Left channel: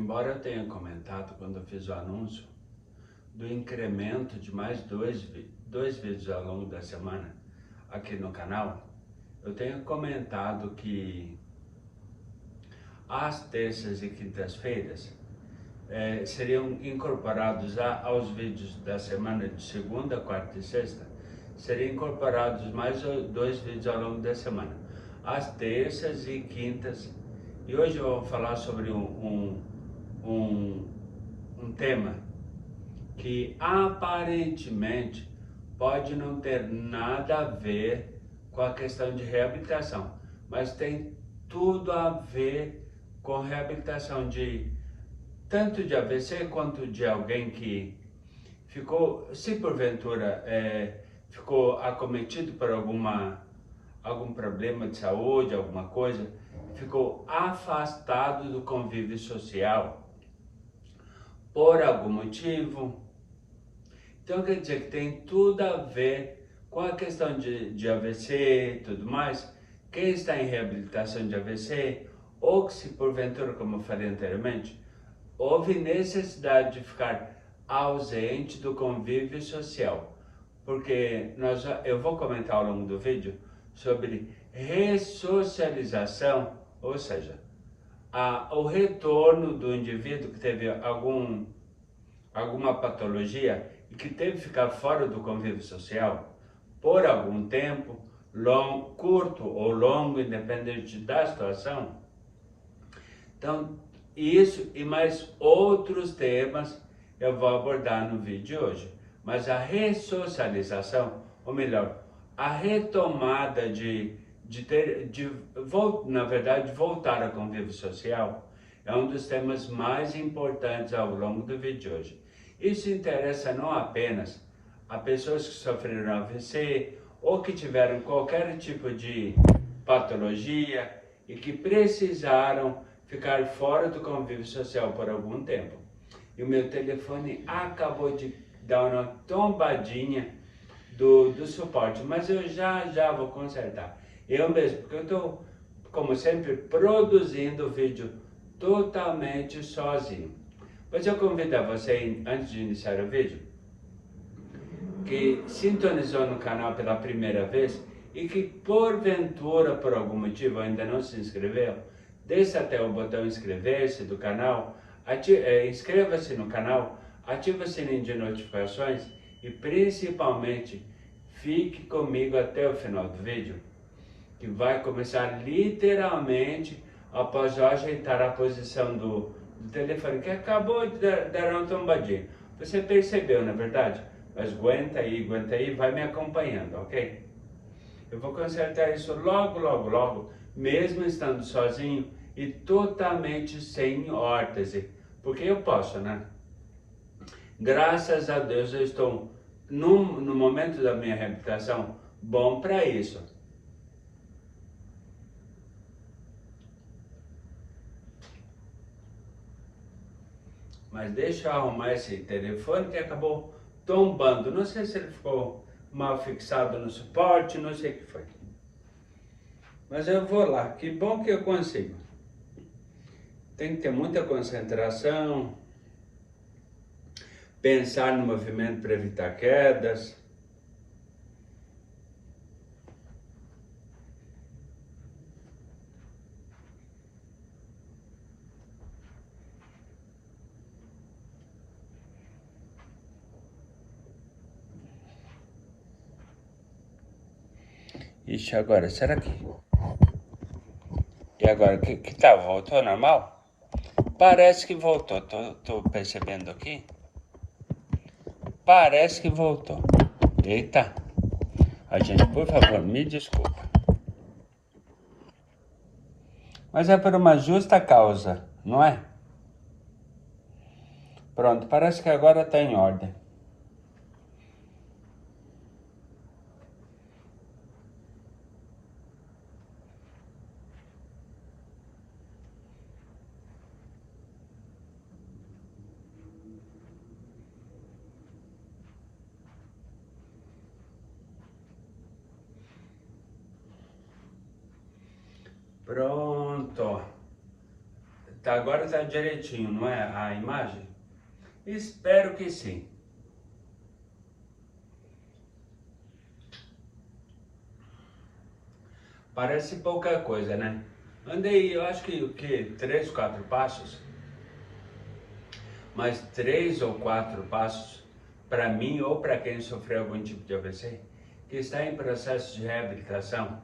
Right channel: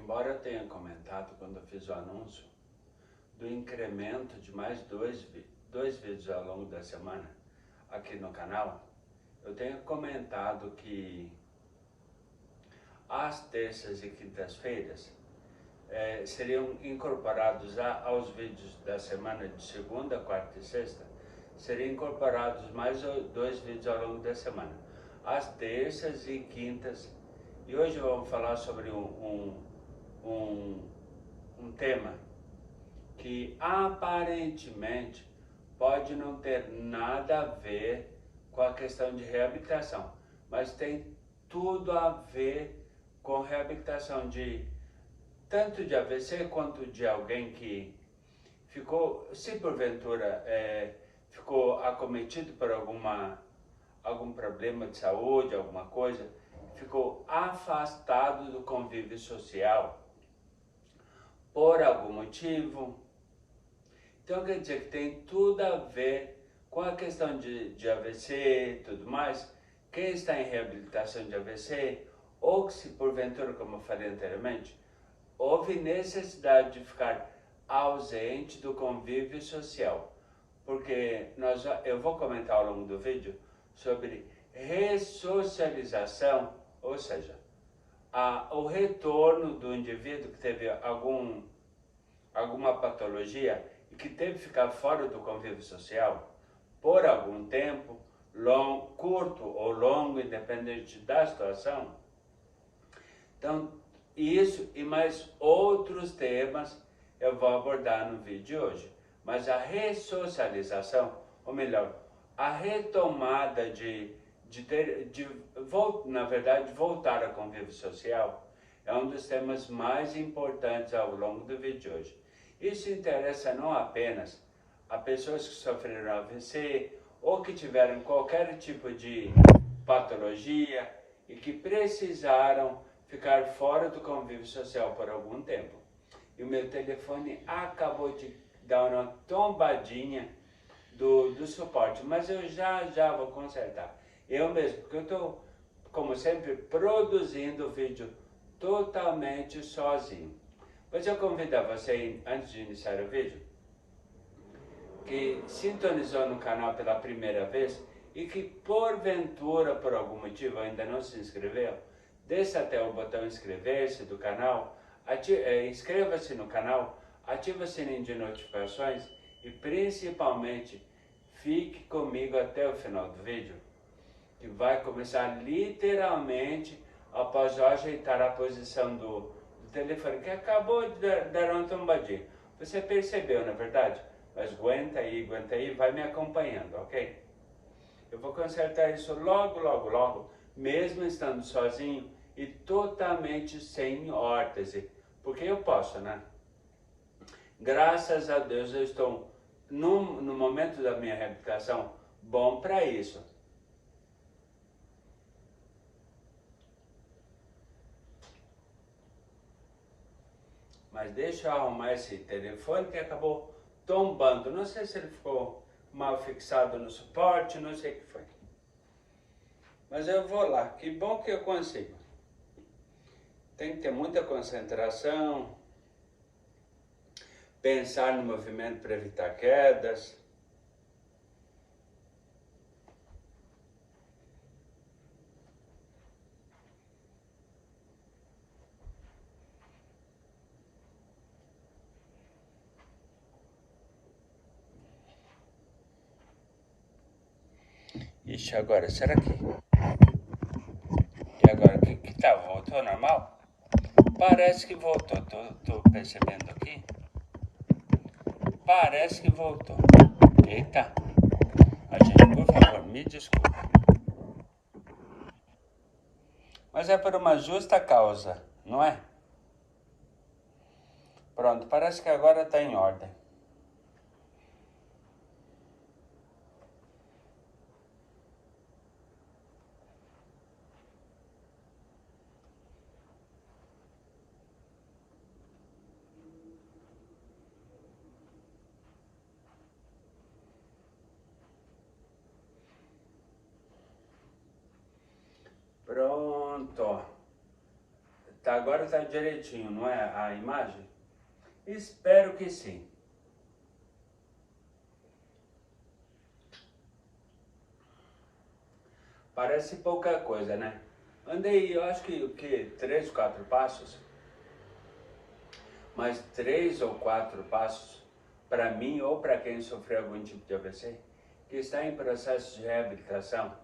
Embora eu tenha comentado quando eu fiz o anúncio do incremento de mais dois vídeos ao longo da semana aqui no canal, eu tenho comentado que às terças e quintas-feiras seriam incorporados aos vídeos da semana de segunda, quarta e sexta, seriam incorporados mais dois vídeos ao longo da semana, às terças e quintas. E hoje eu vou falar sobre um tema que aparentemente pode não ter nada a ver com a questão de reabilitação, mas tem tudo a ver com reabilitação tanto de AVC quanto de alguém que ficou, se porventura ficou acometido por algum problema de saúde, alguma coisa, ficou afastado do convívio social por algum motivo. Então quer dizer que tem tudo a ver com a questão de AVC e tudo mais. Quem está em reabilitação de AVC, ou que se porventura, como eu falei anteriormente, houve necessidade de ficar ausente do convívio social, porque eu vou comentar ao longo do vídeo sobre ressocialização, ou seja, o retorno do indivíduo que teve alguma patologia e que teve que ficar fora do convívio social por algum tempo, curto ou longo, independente da situação. Então, isso e mais outros temas eu vou abordar no vídeo de hoje. Mas a ressocialização, ou melhor, a retomada na verdade, voltar ao convívio social, é um dos temas mais importantes ao longo do vídeo de hoje. Isso interessa não apenas a pessoas que sofreram AVC ou que tiveram qualquer tipo de patologia e que precisaram ficar fora do convívio social por algum tempo. E o meu telefone acabou de dar uma tombadinha do suporte, mas eu já vou consertar. Eu mesmo, porque eu estou, como sempre, produzindo o vídeo totalmente sozinho. Mas eu convido a você, antes de iniciar o vídeo, que sintonizou no canal pela primeira vez e que porventura, por algum motivo, ainda não se inscreveu, desça até o botão inscrever-se do canal, inscreva-se no canal, ative o sininho de notificações e principalmente fique comigo até o final do vídeo, que vai começar literalmente após eu ajeitar a posição do telefone, que acabou de dar uma tombadinha. Você percebeu, na verdade? Mas aguenta aí, vai me acompanhando, ok? Eu vou consertar isso logo, mesmo estando sozinho e totalmente sem órtese, porque eu posso, né? Graças a Deus eu estou no momento da minha reabilitação bom para isso. Mas deixa eu arrumar esse telefone que acabou tombando. Não sei se ele ficou mal fixado no suporte, não sei o que foi. Mas eu vou lá, que bom que eu consigo. Tem que ter muita concentração, pensar no movimento para evitar quedas. Ixi, agora, será que... E agora, que tá? Voltou normal? Parece que voltou, tô percebendo aqui. Parece que voltou. Eita. A gente, por favor, me desculpe. Mas é por uma justa causa, não é? Pronto, parece que agora tá em ordem. Pronto. Tá, agora tá direitinho, não é a imagem? Espero que sim. Parece pouca coisa, né? Andei, eu acho que o quê? 3, 4 passos. Mas 3 ou 4 passos, para mim ou para quem sofreu algum tipo de AVC, que está em processo de reabilitação,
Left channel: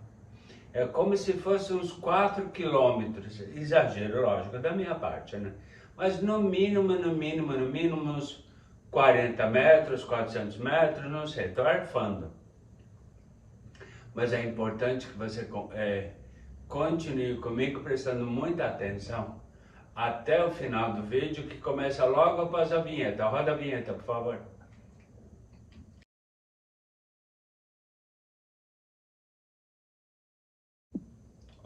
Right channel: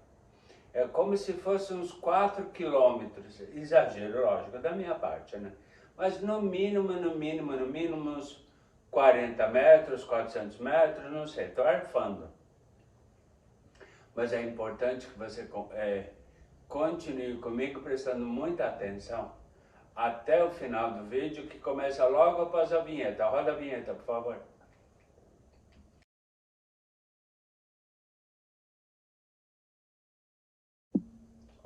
é como se fosse uns 4 quilômetros, exagero, lógico, da minha parte, né? Mas no mínimo uns 40 metros, 400 metros, não sei, estou arfando. Mas é importante que você continue comigo prestando muita atenção até o final do vídeo, que começa logo após a vinheta. Roda a vinheta, por favor.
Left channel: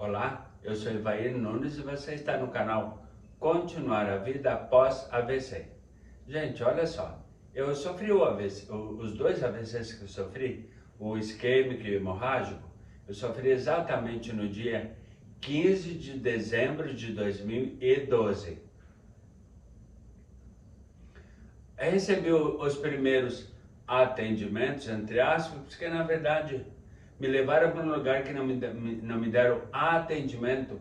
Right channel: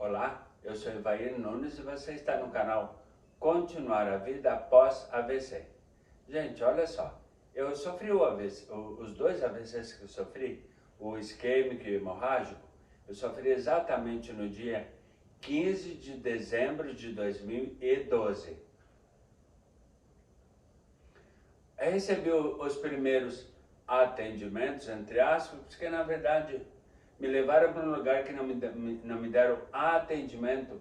Olá, eu sou Ivair Nunes e você está no canal Continuar a Vida Após AVC. Gente, olha só, eu sofri o AVC, os dois AVCs que eu sofri, o isquêmico e o hemorrágico, eu sofri exatamente no dia 15 de dezembro de 2012. Eu recebi os primeiros atendimentos, entre aspas, porque na verdade me levaram para um lugar que não me deram atendimento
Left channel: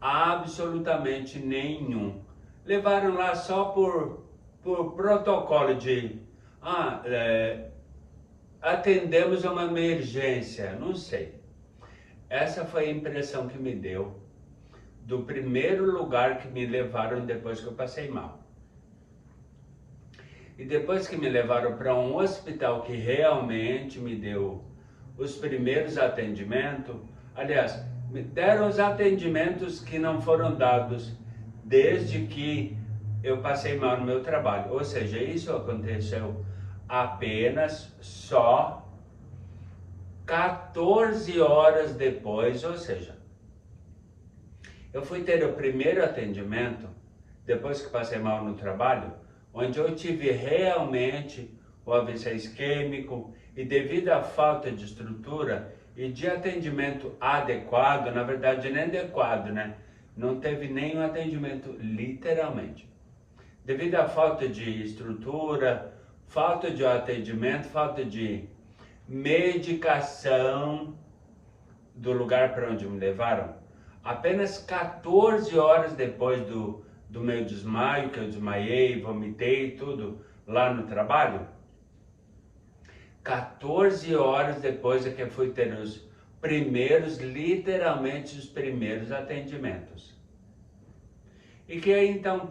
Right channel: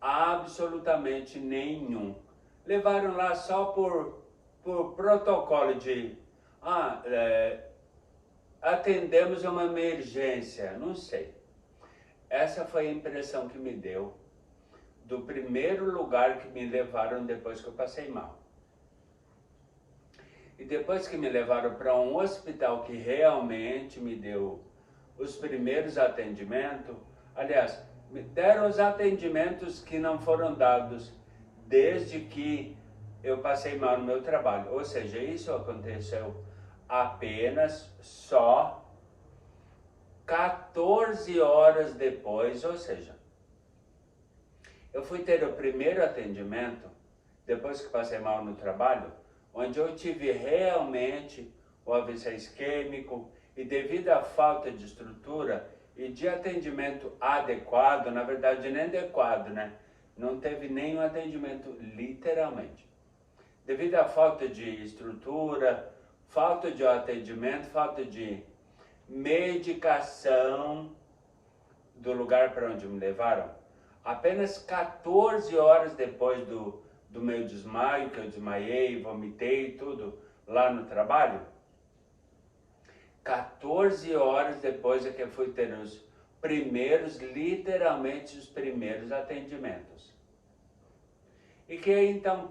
absolutamente nenhum. Levaram lá só por protocolo de atendemos uma emergência, não sei. Essa foi a impressão que me deu do primeiro lugar que me levaram depois que eu passei mal. E depois que me levaram para um hospital que realmente me deu os primeiros atendimentos, aliás, me deram os atendimentos que não foram dados desde que eu passei mal no meu trabalho. Ou seja, isso aconteceu apenas só 14 horas depois, ou seja, eu fui ter o primeiro atendimento depois que passei mal no trabalho, onde eu tive realmente o AVC isquêmico e devido à falta de estrutura e de atendimento adequado, na verdade nem adequado, né? Não teve nenhum atendimento literalmente. Devido à falta de estrutura, falta de atendimento, falta de medicação do lugar para onde me levaram, apenas 14 horas depois do meu desmaio, que eu desmaiei, vomitei tudo lá no trabalho, 14 horas depois é que eu fui ter os primeiros, literalmente os primeiros atendimentos. E que aí então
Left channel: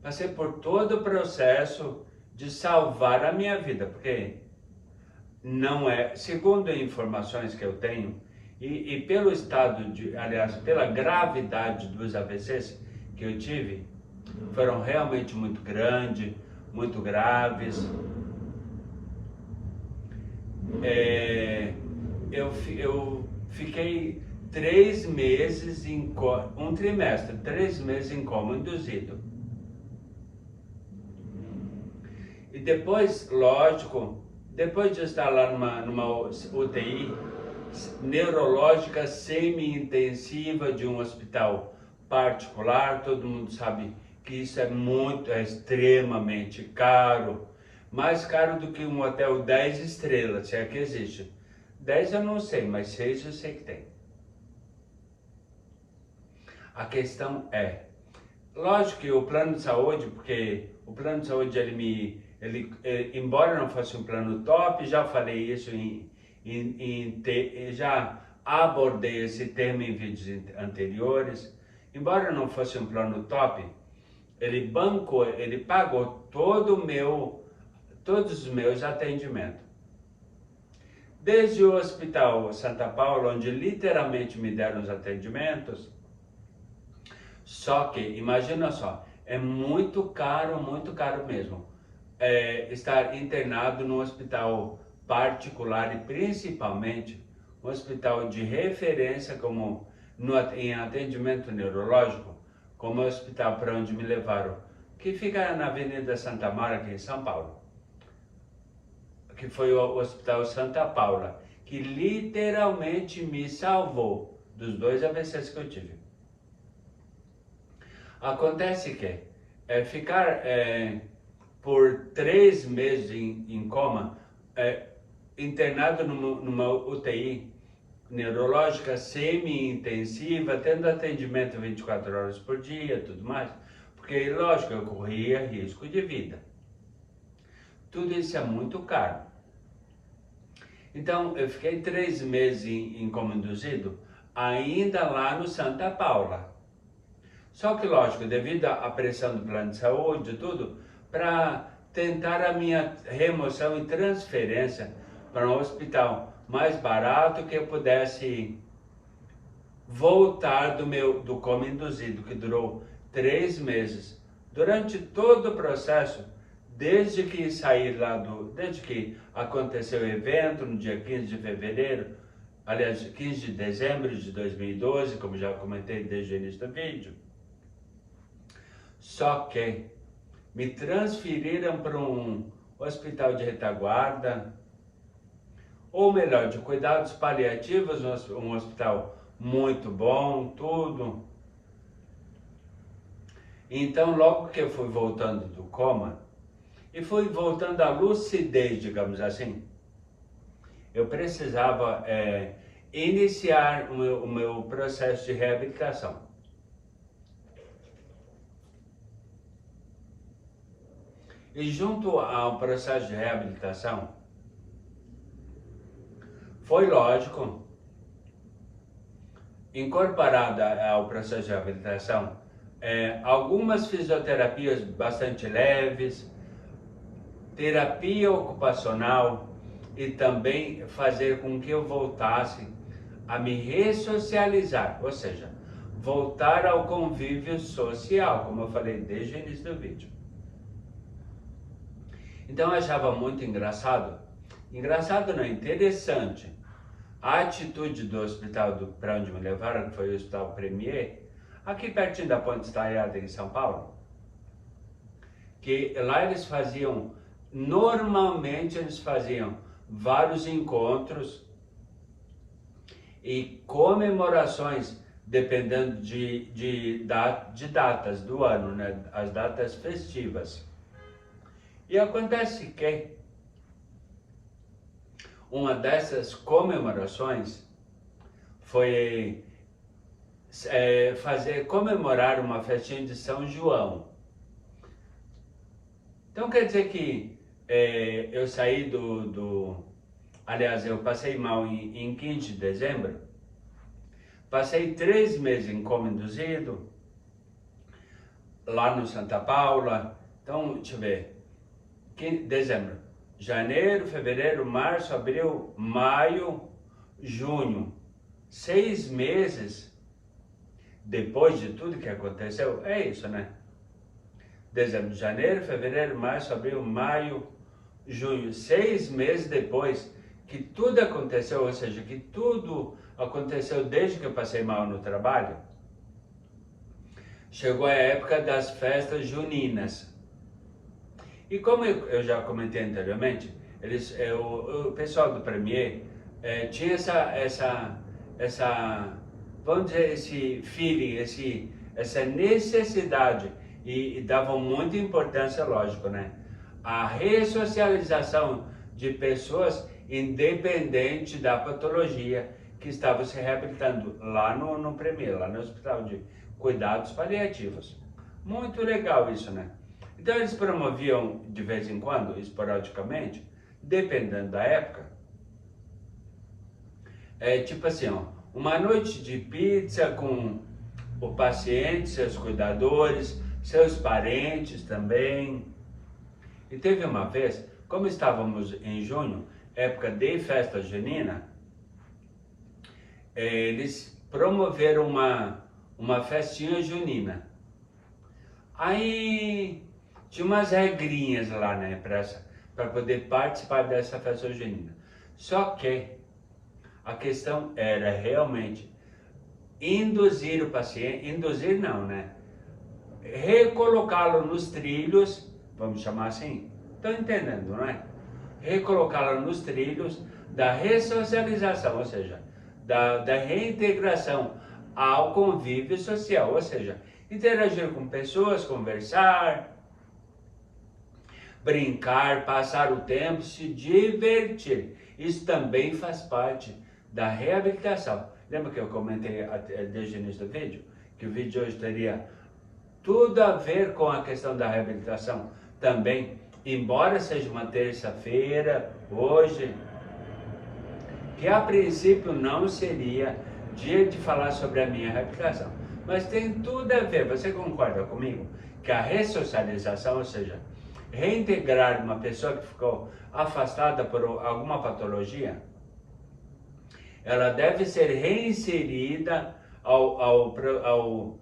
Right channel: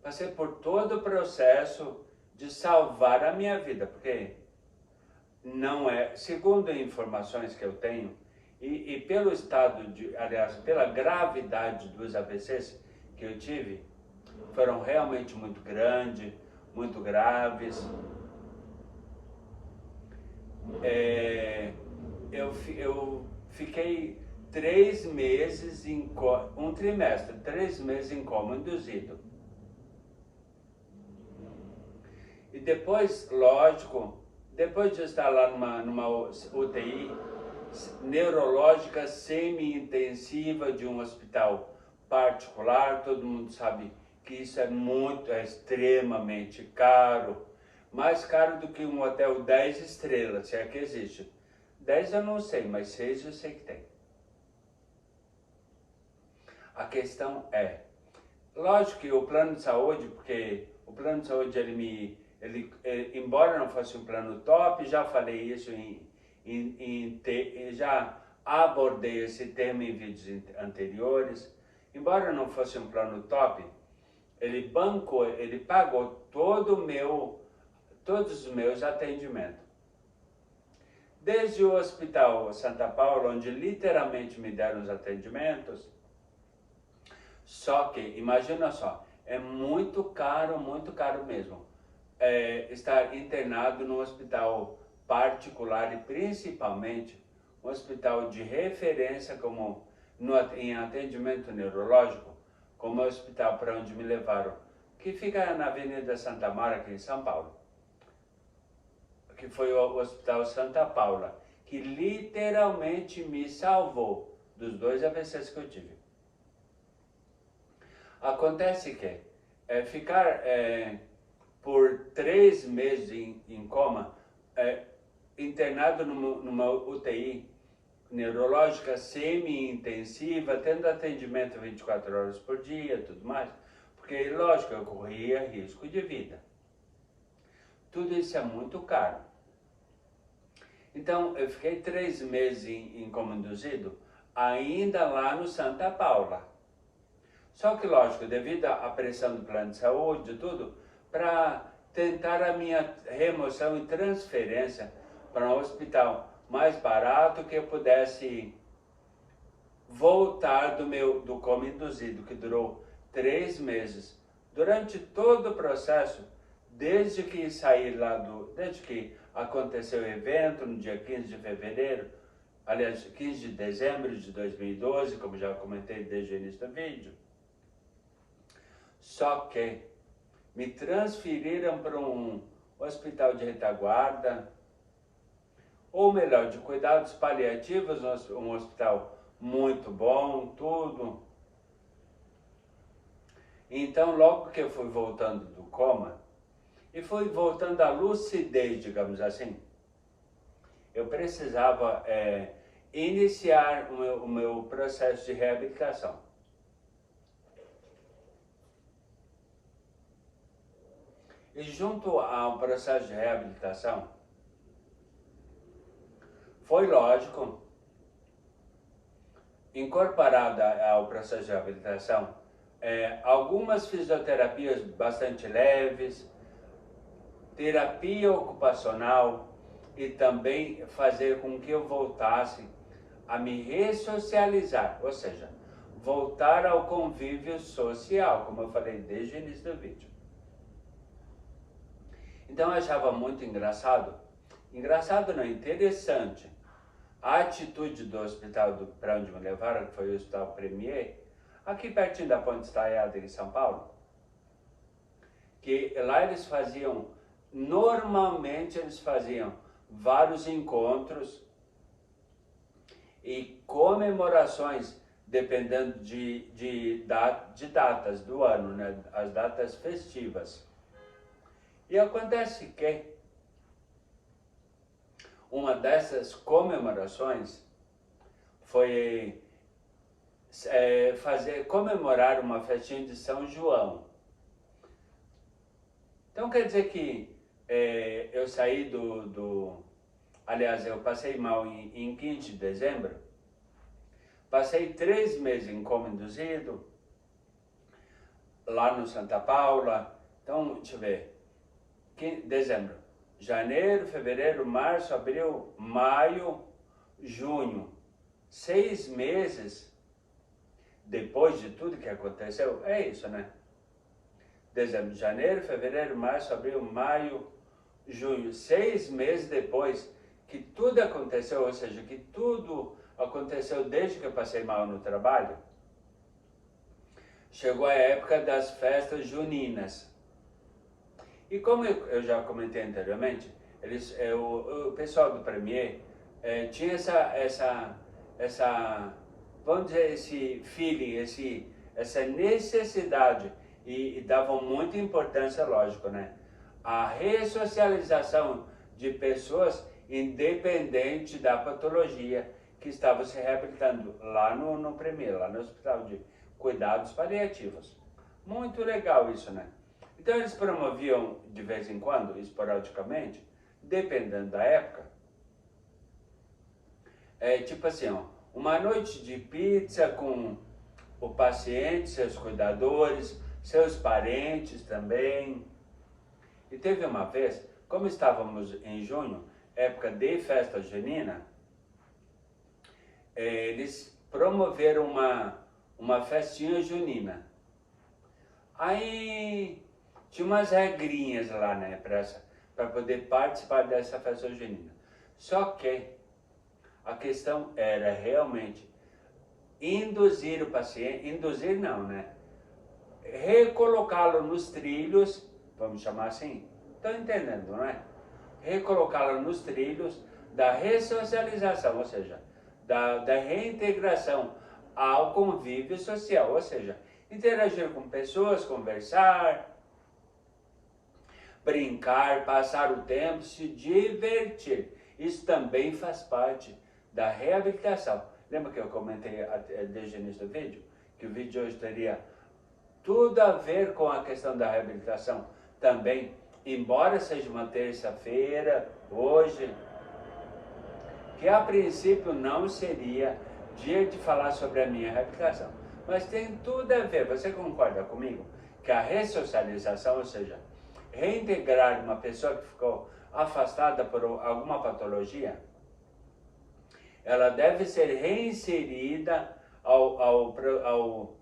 passei por todo o processo de salvar a minha vida, porque não é, segundo informações que eu tenho, e pelo estado aliás, pela gravidade dos AVCs que eu tive, foram realmente muito grandes, muito graves. Eu fiquei 3 meses um trimestre, 3 meses em coma induzido. E depois, lógico, depois de estar lá numa UTI neurológica semi-intensiva de um hospital particular, todo mundo sabe que isso é extremamente caro, mais caro do que um hotel 10 estrelas, se é que existe. 10 eu não sei, mas 6 eu sei que tem. A questão é, lógico que o plano de saúde, porque o plano de saúde embora não fosse um plano top, já falei isso já abordei esse tema em vídeos anteriores, embora não fosse um plano top, ele pagou todos os meus atendimentos. Desde o Hospital Santa Paula, onde literalmente me deram os atendimentos, só que, imagina só, é muito caro mesmo, estar internado num hospital particular e principalmente um hospital de referência como em atendimento neurológico, como é o hospital para onde me levaram, que fica na Avenida Santa Mara, aqui em São Paulo, que foi o Hospital Santa Paula, que literalmente me salvou dos 2 AVCs que eu tive. Acontece que ficar por 3 meses em coma, internado numa UTI neurológica semi-intensiva, tendo atendimento 24 horas por dia, tudo mais, porque, lógico, eu corria risco de vida. Tudo isso é muito caro. Então, eu fiquei 3 meses em coma induzido, ainda lá no Santa Paula. Só que, lógico, devido à pressão do plano de saúde e tudo, para tentar a minha remoção e transferência para um hospital mais barato, que eu pudesse voltar do coma induzido, que durou 3 meses. Durante todo o processo, desde que aconteceu o evento, no dia 15 de fevereiro, aliás, 15 de dezembro de 2012, como já comentei desde o início do vídeo, só que me transferiram para um hospital de retaguarda, ou melhor, de cuidados paliativos, um hospital muito bom, tudo. Então, logo que eu fui voltando do coma, e fui voltando à lucidez, digamos assim, eu precisava iniciar o meu processo de reabilitação. E junto ao processo de reabilitação, foi lógico, incorporada ao processo de reabilitação, algumas fisioterapias bastante leves, terapia ocupacional e também fazer com que eu voltasse a me ressocializar, ou seja, voltar ao convívio social, como eu falei desde o início do vídeo. Então eu achava muito engraçado não, interessante, a atitude do hospital para onde me levaram, que foi o Hospital Premier, aqui pertinho da Ponte Estaiada em São Paulo, que lá normalmente eles faziam vários encontros e comemorações, dependendo de datas do ano, né? As datas festivas. E acontece que uma dessas comemorações foi comemorar uma festinha de São João. Então quer dizer que eu saí aliás, eu passei mal em 15 de dezembro, passei 3 meses em coma induzido, lá no Santa Paula. Então, deixa eu ver, dezembro, janeiro, fevereiro, março, abril, maio, junho, 6 meses depois de tudo que aconteceu, é isso, né? Dezembro, janeiro, fevereiro, março, abril, maio, junho, 6 meses depois que tudo aconteceu, ou seja, que tudo aconteceu desde que eu passei mal no trabalho, chegou a época das festas juninas. E como eu já comentei anteriormente, o pessoal do Premier tinha vamos dizer, esse feeling, essa necessidade, e davam muita importância, lógico, né? A ressocialização de pessoas independente da patologia que estavam se reabilitando lá no Premier, lá no Hospital de Cuidados Paliativos. Muito legal isso, né? Então eles promoviam de vez em quando, esporadicamente, dependendo da época, tipo assim, ó, uma noite de pizza com o paciente, seus cuidadores, seus parentes também. E teve uma vez, como estávamos em junho, época de festa junina, eles promoveram uma festinha junina. Aí tinha umas regrinhas lá, né, para poder participar dessa festa junina. Só que a questão era realmente induzir o paciente, induzir não, né? Recolocá-lo nos trilhos, vamos chamar assim, estão entendendo, não é? Recolocá-lo nos trilhos da ressocialização, ou seja, da reintegração ao convívio social, ou seja, Interagir com pessoas, conversar, brincar, passar o tempo, se divertir. Isso também faz parte da reabilitação. Lembra que eu comentei desde o início do vídeo? Que o vídeo hoje teria tudo a ver com a questão da reabilitação também, embora seja uma terça-feira, hoje, que a princípio não seria dia de falar sobre a minha reabilitação. Mas tem tudo a ver, você concorda comigo? Que a ressocialização, ou seja, reintegrar uma pessoa que ficou afastada por alguma patologia, ela deve ser reinserida ao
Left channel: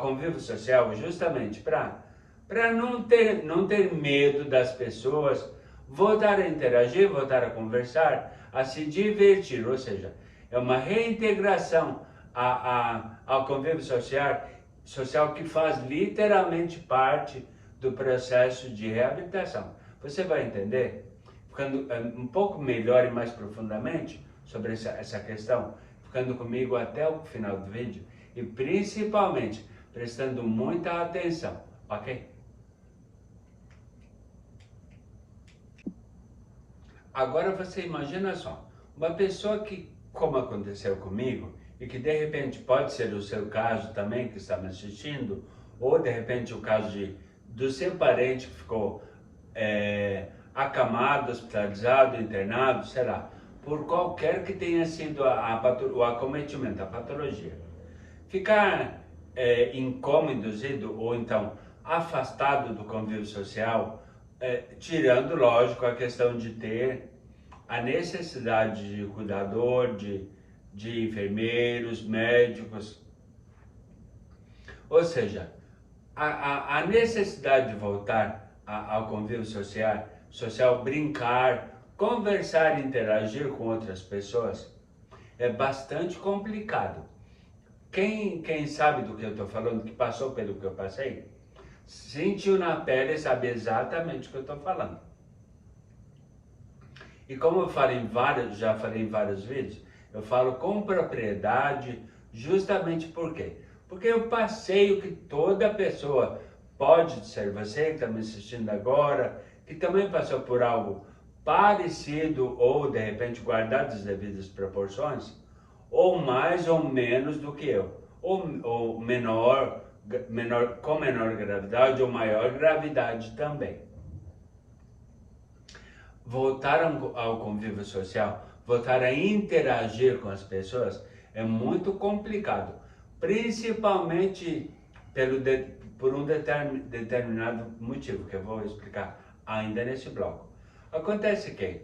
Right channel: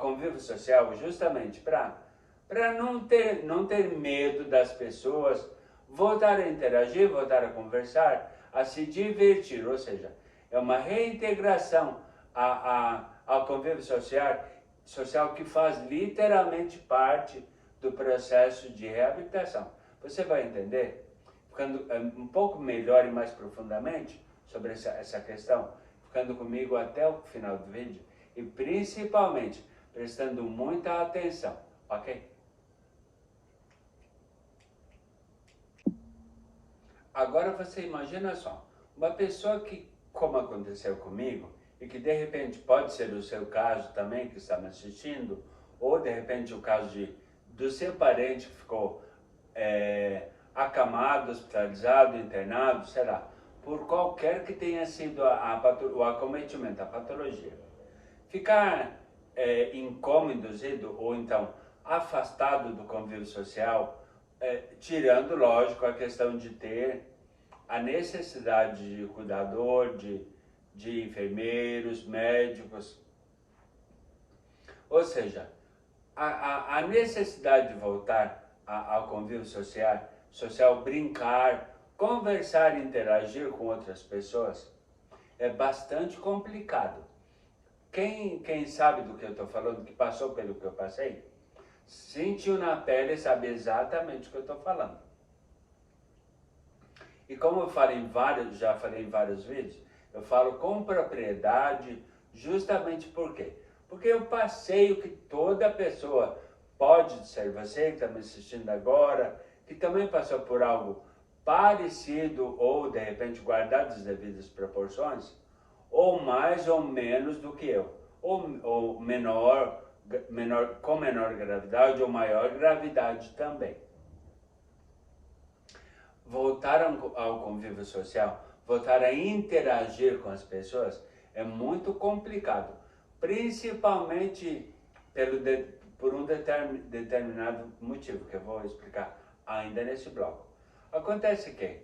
convívio social justamente para não ter medo das pessoas, voltar a interagir, voltar a conversar, a se divertir, ou seja, é uma reintegração ao convívio social que faz literalmente parte do processo de reabilitação. Você vai entender, ficando um pouco melhor e mais profundamente sobre essa questão, ficando comigo até o final do vídeo e principalmente prestando muita atenção, ok? Agora você imagina só, uma pessoa que, como aconteceu comigo, e que de repente pode ser o seu caso também, que está me assistindo, ou de repente o caso do seu parente que ficou acamado, hospitalizado, internado, sei lá, por qualquer que tenha sido o acometimento, a patologia. Ficar incômodo ou então afastado do convívio social, tirando, lógico, a questão de ter a necessidade de cuidador, de enfermeiros, médicos. Ou seja, a necessidade de voltar ao convívio social, brincar, conversar, interagir com outras pessoas, é bastante complicado. Quem sabe do que eu estou falando, que passou pelo que eu passei, sentiu na pele e sabe exatamente o que eu estou falando. E como eu já falei em vários vídeos, eu falo com propriedade justamente por quê? Porque eu passei o que toda pessoa pode ser, você que está me assistindo agora, que também passou por algo parecido ou de repente guardado as devidas proporções, ou mais ou menos do que eu, ou menor, com menor gravidade ou maior gravidade também. Voltar ao convívio social, voltar a interagir com as pessoas é muito complicado, principalmente por um determinado motivo que eu vou explicar ainda nesse bloco. Acontece que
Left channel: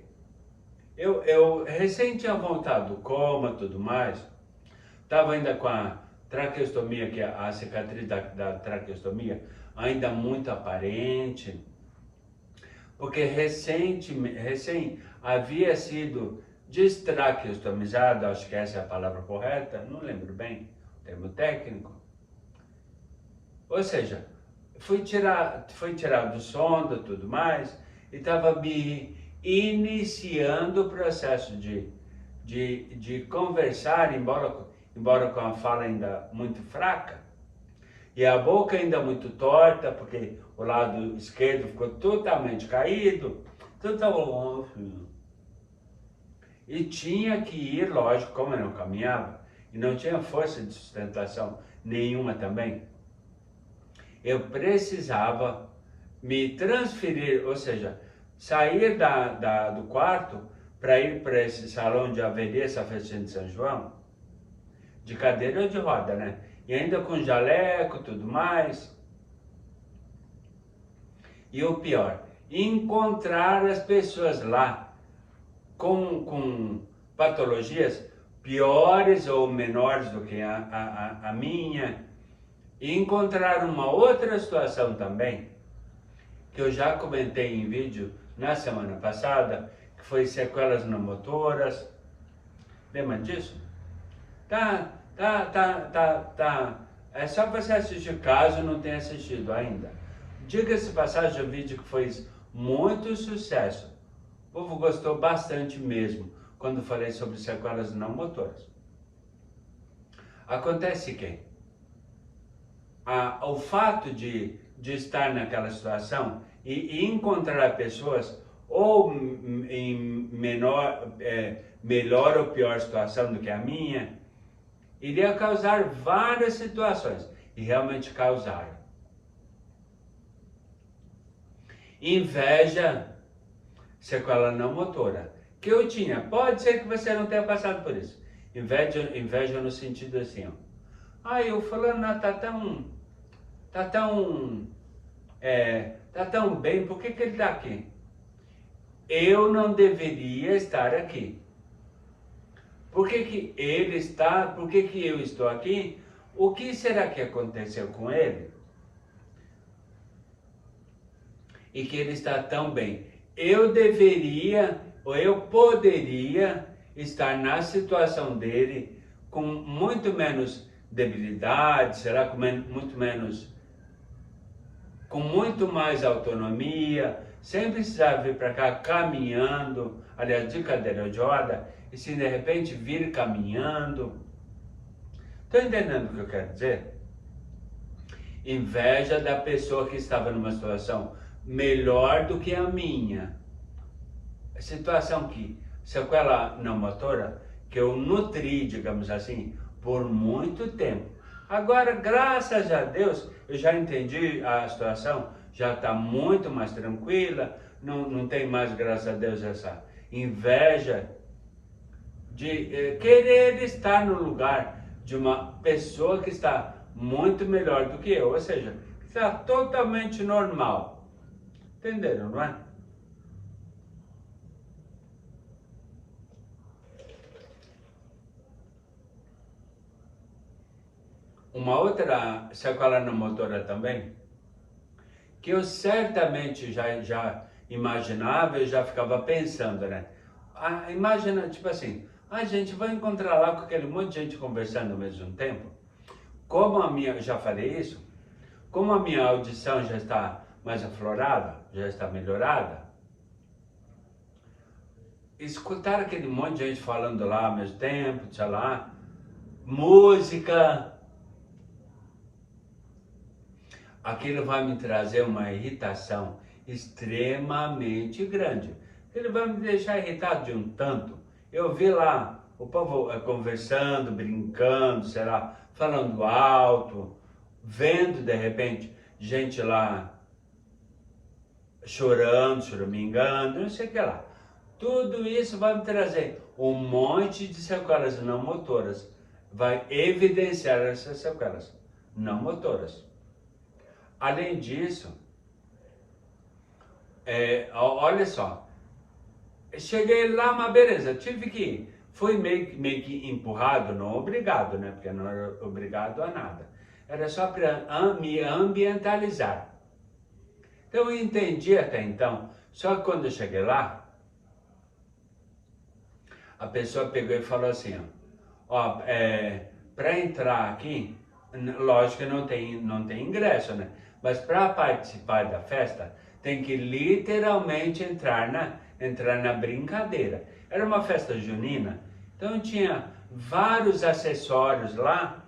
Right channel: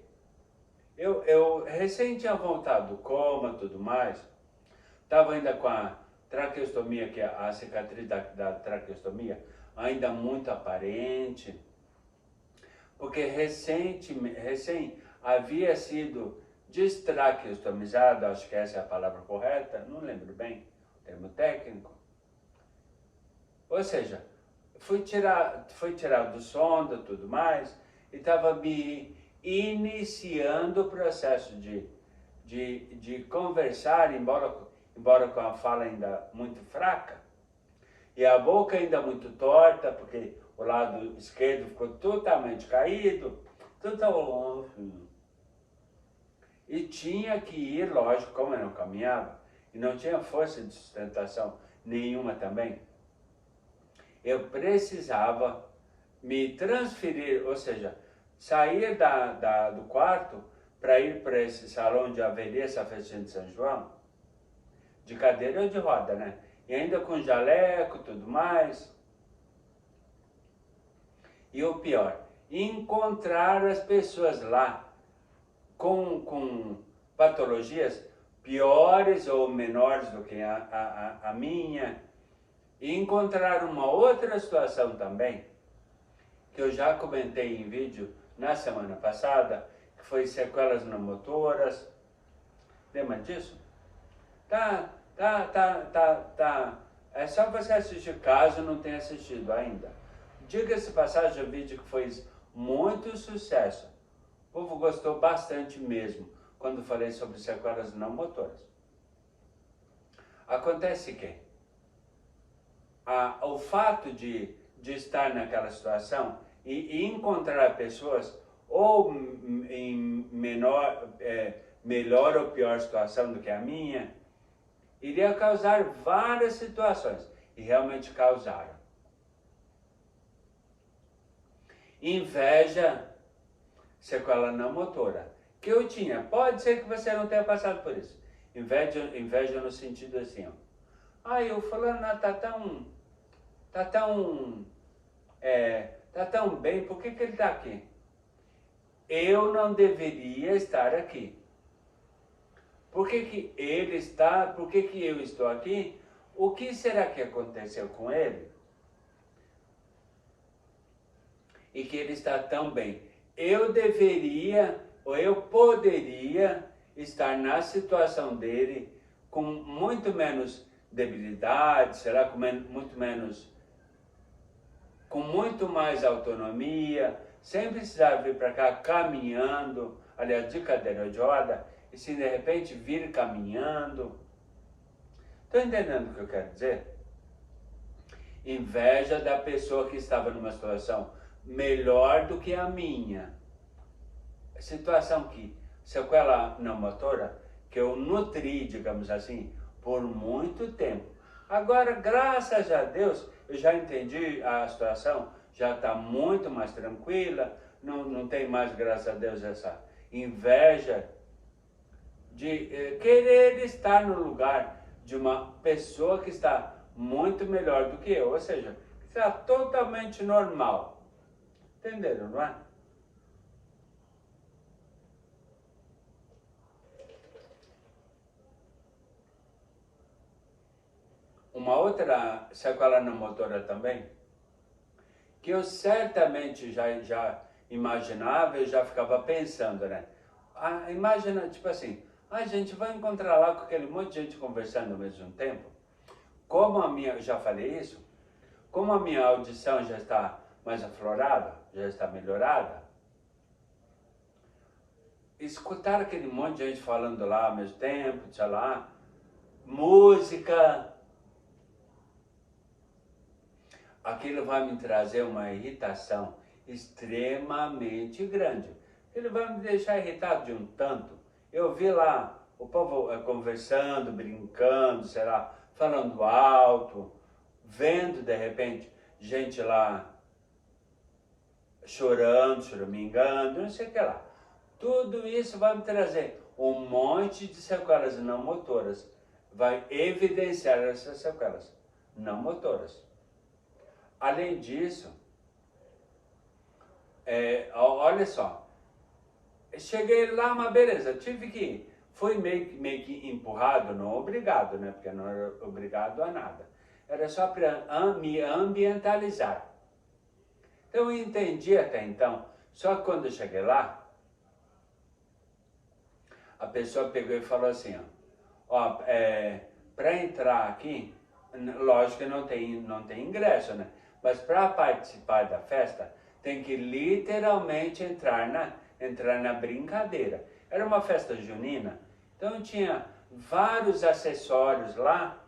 eu recém tinha voltado do coma e tudo mais, estava ainda com a traqueostomia, que é a cicatriz da traqueostomia, ainda muito aparente, porque recém havia sido destraqueostomizado, acho que essa é a palavra correta, não lembro bem o termo técnico. Ou seja, foi tirado do sonda e tudo mais, e estava me iniciando o processo de conversar, embora com a fala ainda muito fraca, e a boca ainda muito torta, porque o lado esquerdo ficou totalmente caído, e tinha que ir, lógico, como eu não caminhava, e não tinha força de sustentação nenhuma também, eu precisava me transferir, ou seja, sair do quarto para ir para esse salão de Avenida, essa festinha de São João, de cadeira ou de roda, né? E ainda com jaleco e tudo mais. E o pior, encontrar as pessoas lá com patologias piores ou menores do que a minha. E encontrar uma outra situação também, que eu já comentei em vídeo na semana passada, que foi sequelas pneumotoras. Lembra disso? Tá. É só você assistir caso não tenha assistido ainda. Diga-se passagem, um vídeo que fez muito sucesso. O povo gostou bastante mesmo, quando falei sobre sequelas não motoras. Acontece que o fato de estar naquela situação e encontrar pessoas ou em melhor ou pior situação do que a minha, iria causar várias situações, e realmente causaram. Inveja, sequela não motora, que eu tinha. Pode ser que você não tenha passado por isso. Inveja no sentido assim, ó. Ai, o fulano tá tão bem, por que ele tá aqui? Eu não deveria estar aqui. Por que ele está? Por que eu estou aqui? O que será que aconteceu com ele? E que ele está tão bem. Eu deveria, ou eu poderia estar na situação dele com muito menos debilidade, será com muito mais autonomia, sem precisar vir para cá caminhando, aliás, de cadeira de roda, e se de repente vir caminhando. Estão entendendo o que eu quero dizer? Inveja da pessoa que estava numa situação melhor do que a minha. Situação que, sequela não motora, que eu nutri, digamos assim, por muito tempo. Agora, graças a Deus, eu já entendi a situação, já está muito mais tranquila, não tem mais, graças a Deus, essa inveja de querer estar no lugar de uma pessoa que está muito melhor do que eu, ou seja, que está totalmente normal. Entenderam, não é? Uma outra sequela não motora também, que eu certamente já imaginava, eu já ficava pensando, né? Imagina, tipo assim, a gente vai encontrar lá com aquele monte de gente conversando ao mesmo tempo. Como a minha, já falei isso, como a minha audição já está mais aflorada, já está melhorada, escutar aquele monte de gente falando lá ao mesmo tempo, sei lá, música, aquilo vai me trazer uma irritação extremamente grande. Ele vai me deixar irritado de um tanto. Eu vi lá o povo conversando, brincando, sei lá, falando alto, vendo de repente gente lá chorando, choramingando, não sei o que lá. Tudo isso vai me trazer um monte de sequelas não motoras. Vai evidenciar essas sequelas não motoras. Além disso, olha só, cheguei lá, mas beleza, tive que ir. Fui meio que empurrado, não obrigado, né? Porque não era obrigado a nada. Era só para me ambientalizar. Então eu entendi até então, só que quando eu cheguei lá, a pessoa pegou e falou assim, ó, para entrar aqui, lógico que não tem ingresso, né? Mas para participar da festa, tem que literalmente entrar na brincadeira. Era uma festa junina, então tinha vários acessórios lá,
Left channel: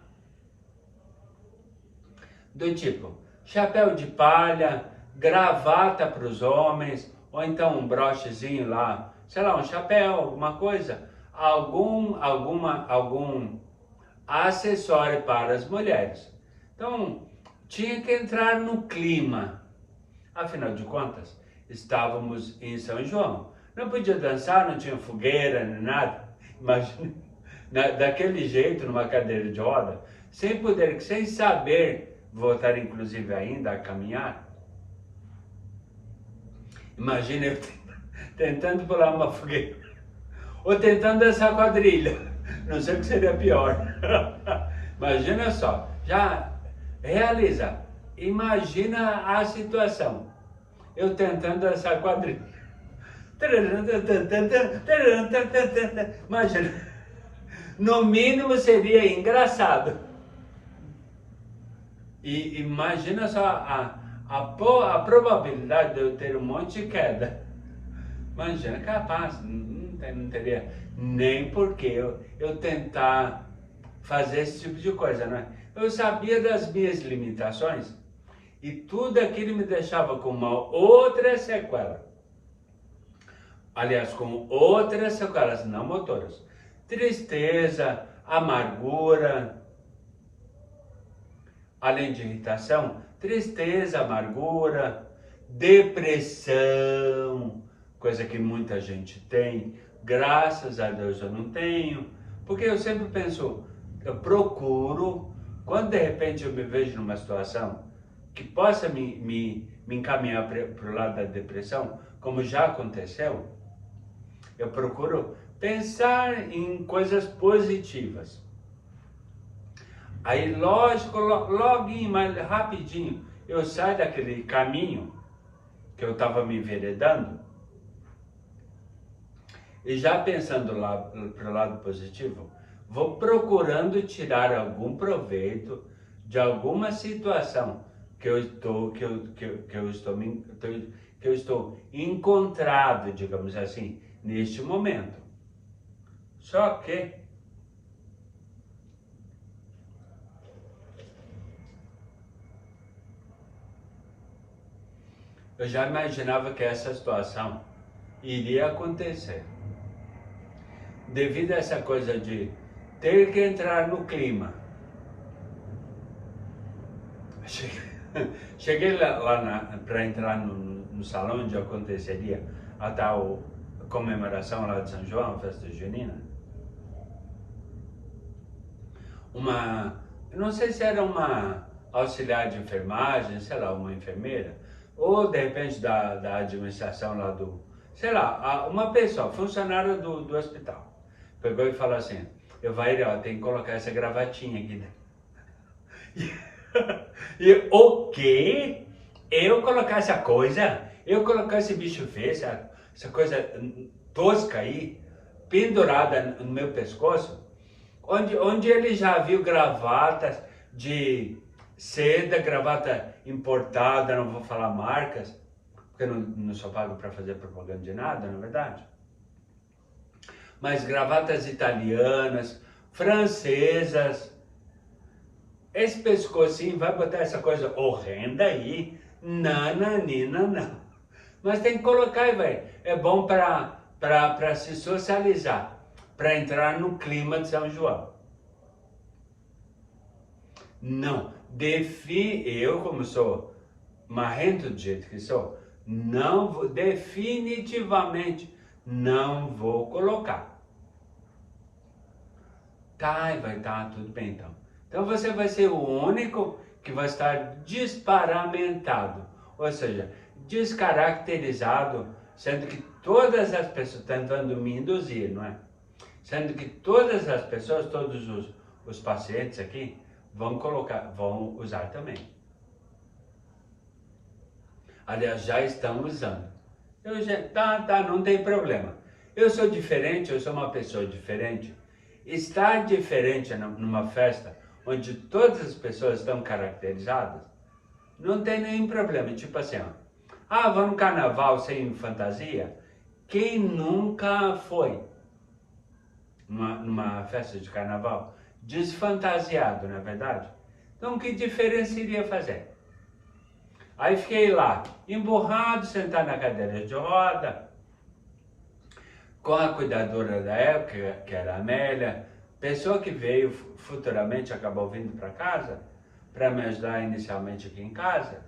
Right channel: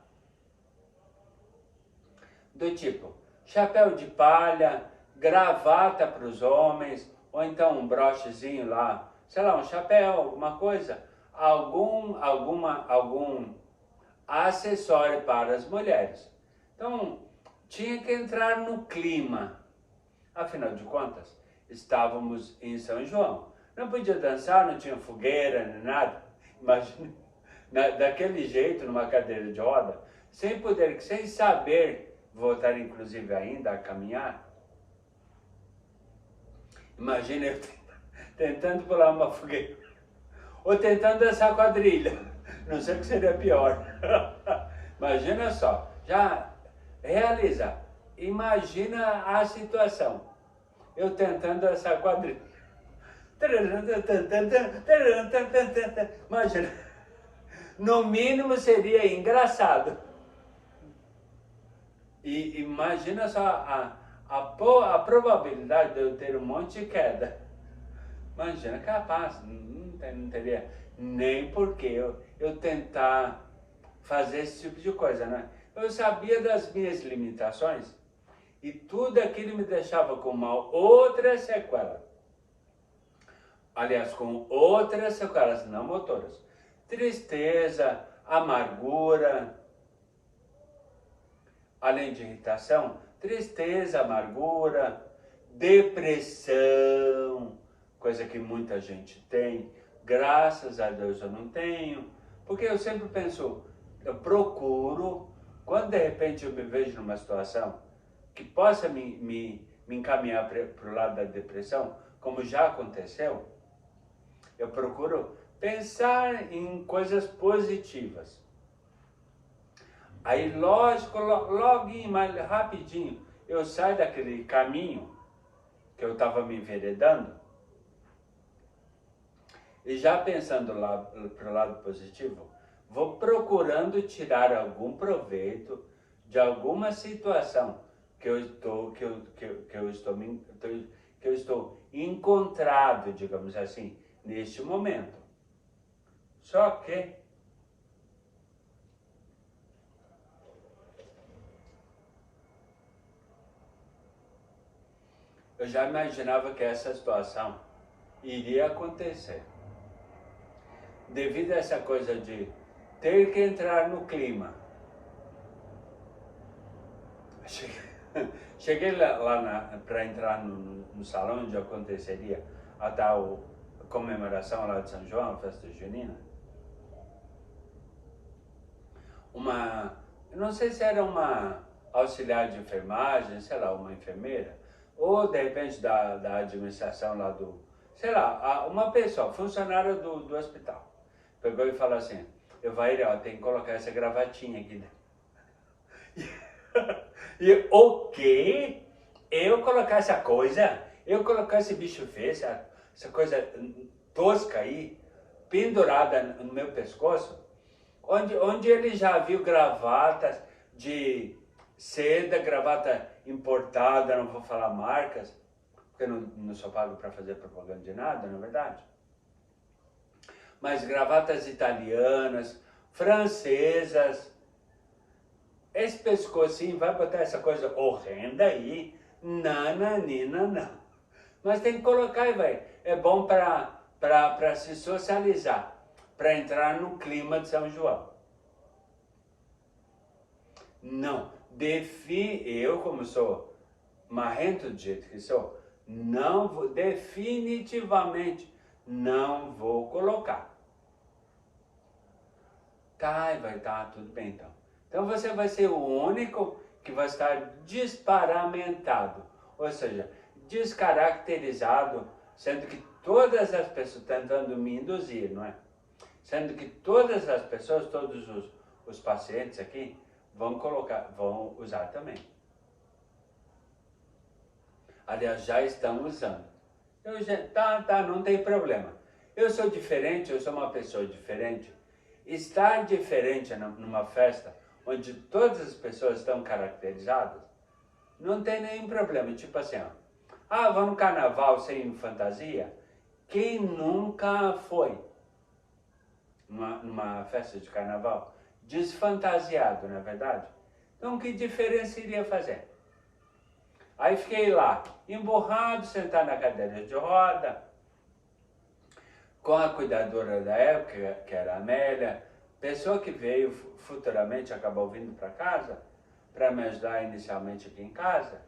do tipo chapéu de palha, gravata para os homens, ou então um brochezinho lá, sei lá, um chapéu, alguma coisa, algum acessório para as mulheres. Então, tinha que entrar no clima. Afinal de contas, estávamos em São João. Não podia dançar, não tinha fogueira, nem nada. Imagina, daquele jeito, numa cadeira de roda, sem saber voltar, inclusive, ainda a caminhar. Imagina eu tentando pular uma fogueira, ou tentando dançar quadrilha. Não sei o que seria pior. Imagina só, já realiza, imagina a situação. Eu tentando dançar quadrilha. Imagina, no mínimo seria engraçado. E imagina só a probabilidade de eu ter um monte de queda. Imagina, capaz, não teria nem porquê eu tentar fazer esse tipo de coisa, né? Eu sabia das minhas limitações e tudo aquilo me deixava com uma outra sequela. Aliás, com outras sequelas não motoras. Tristeza, amargura, além de irritação, tristeza, amargura, depressão, coisa que muita gente tem. Graças a Deus eu não tenho, porque eu sempre penso, eu procuro, quando de repente eu me vejo numa situação que possa me encaminhar para o lado da depressão, como já aconteceu, eu procuro pensar em coisas positivas. Aí, lógico, logo, mais rapidinho, eu saio daquele caminho que eu estava me enveredando e já pensando lá para o lado positivo, vou procurando tirar algum proveito de alguma situação que eu estou encontrado, digamos assim, neste momento. Só que eu já imaginava que essa situação iria acontecer. Devido a essa coisa de ter que entrar no clima. Cheguei lá para entrar no salão onde aconteceria a tal comemoração lá de São João, a festa junina. Eu não sei se era uma auxiliar de enfermagem, sei lá, uma enfermeira, ou de repente da administração lá sei lá, uma pessoa, funcionária do hospital. Pegou e falou assim, Evair, tem que colocar essa gravatinha aqui. E o quê? Eu colocar essa coisa? Eu colocar esse bicho feio, essa coisa tosca aí, pendurada no meu pescoço? Onde ele já viu gravatas de seda, gravata importada, não vou falar marcas, porque não sou pago para fazer propaganda de nada, na verdade. Mas gravatas italianas, francesas, esse pescocinho vai botar essa coisa horrenda aí, nananina, não. Mas tem que colocar aí, velho. É bom para se socializar, para entrar no clima de São João. Não, eu como sou marrento do jeito que sou, definitivamente não vou colocar. Tá, vai estar tudo bem então. Então você vai ser o único que vai estar desparamentado, ou seja, descaracterizado, sendo que todas as pessoas, tentando me induzir, não é? Sendo que todas as pessoas, todos os pacientes aqui, vão usar também. Aliás, já estão usando. Não tem problema. Eu sou diferente, eu sou uma pessoa diferente. Estar diferente numa festa onde todas as pessoas estão caracterizadas, não tem nenhum problema. Tipo assim, vou no carnaval sem fantasia? Quem nunca foi numa festa de carnaval desfantasiado, não é verdade? Então, que diferença iria fazer? Aí fiquei lá, emburrado, sentado na cadeira de roda, com a cuidadora da época, que era a Amélia, pessoa que veio futuramente, acabou vindo para casa, para me ajudar inicialmente aqui em casa.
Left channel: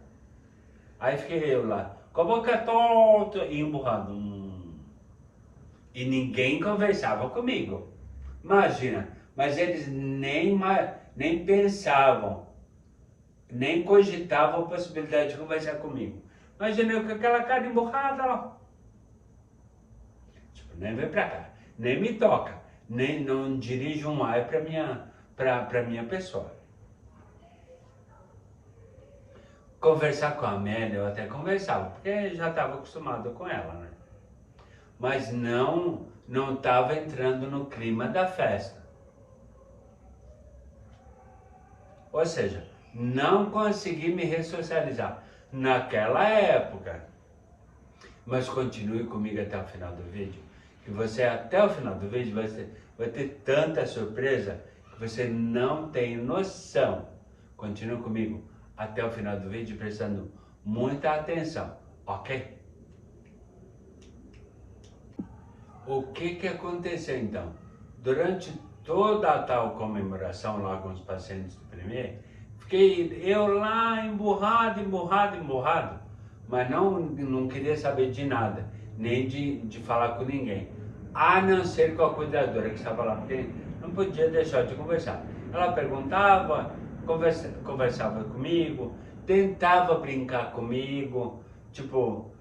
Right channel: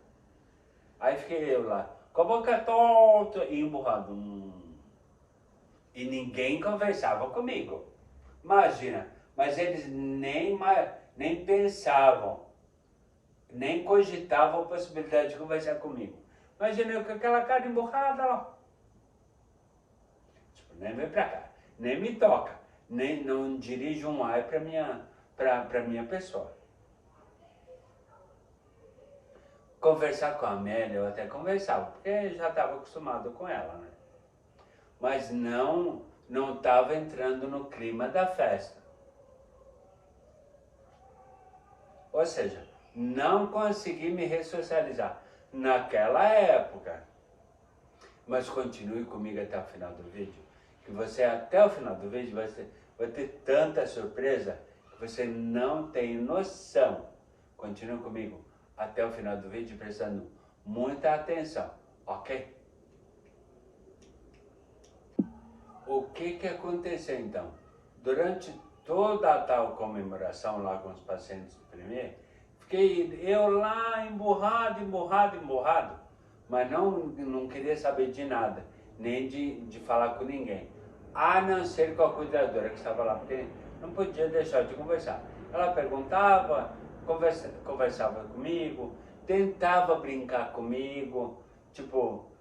Aí fiquei eu lá, com a boca torta e emburrado. E ninguém conversava comigo. Imagina, mas eles nem pensavam, nem cogitavam a possibilidade de conversar comigo. Imagina eu com aquela cara emburrada lá. Tipo, nem vem pra cá, nem me toca, não dirige um ai pra minha pessoa. Conversar com a Amélia, eu até conversava, porque já estava acostumado com ela, né? Mas não estava entrando no clima da festa. Ou seja, não consegui me ressocializar naquela época. Mas continue comigo até o final do vídeo, que você até o final do vídeo vai ter tanta surpresa que você não tem noção. Continue comigo até o final do vídeo, prestando muita atenção, ok? O que aconteceu então? Durante toda a tal comemoração lá com os pacientes do Premier, fiquei eu lá emburrado, mas não queria saber de nada, nem de falar com ninguém, a não ser com a cuidadora que estava lá, porque não podia deixar de conversar. Ela perguntava, conversava comigo, tentava brincar comigo, tipo,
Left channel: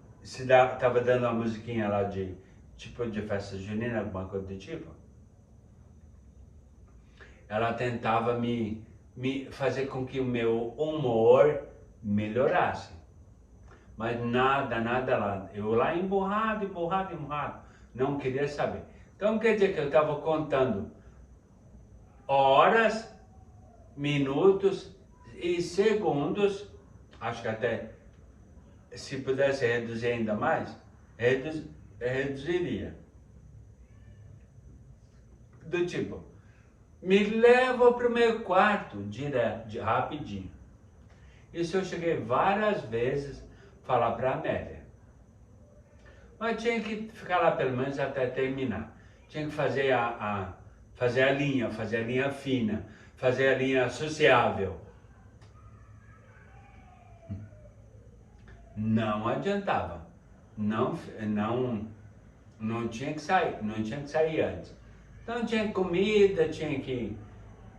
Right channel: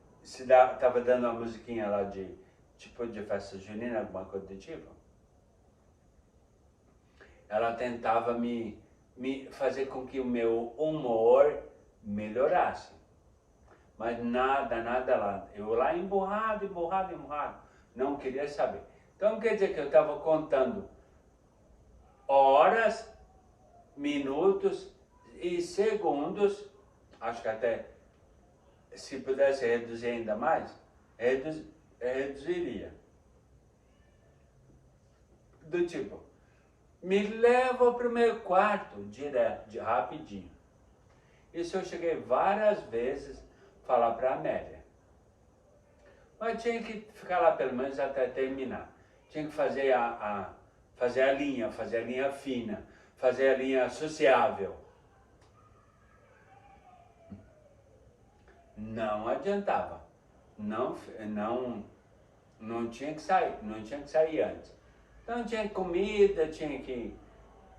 tava dando uma musiquinha lá de festa junina, alguma coisa do tipo. Ela tentava me fazer com que o meu humor melhorasse. Mas nada lá. Eu lá emburrado, não queria saber. Então quer dizer que eu estava contando horas, minutos e segundos, acho que até se pudesse reduzir ainda mais, reduziria. Do tipo, me leva para o meu quarto, direto, rapidinho. Isso eu cheguei várias vezes a falar para a Amélia. Mas tinha que ficar lá pelo menos até terminar. Tinha que fazer fazer a linha fina, fazer a linha sociável. Não adiantava. Não tinha que sair antes. Então tinha comida, tinha que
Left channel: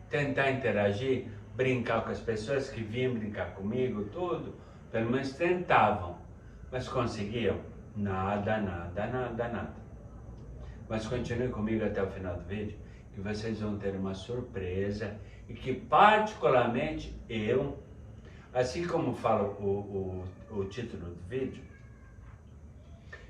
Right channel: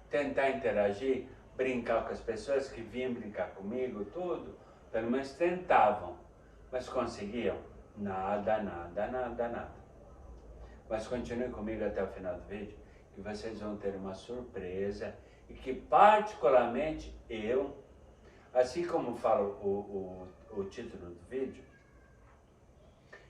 tentar interagir, brincar com as pessoas que vinham brincar comigo, tudo. Pelo menos tentavam, mas conseguiam? Nada. Mas continue comigo até o final do vídeo, que vocês vão ter uma surpresa e que particularmente eu, assim como fala o título do vídeo,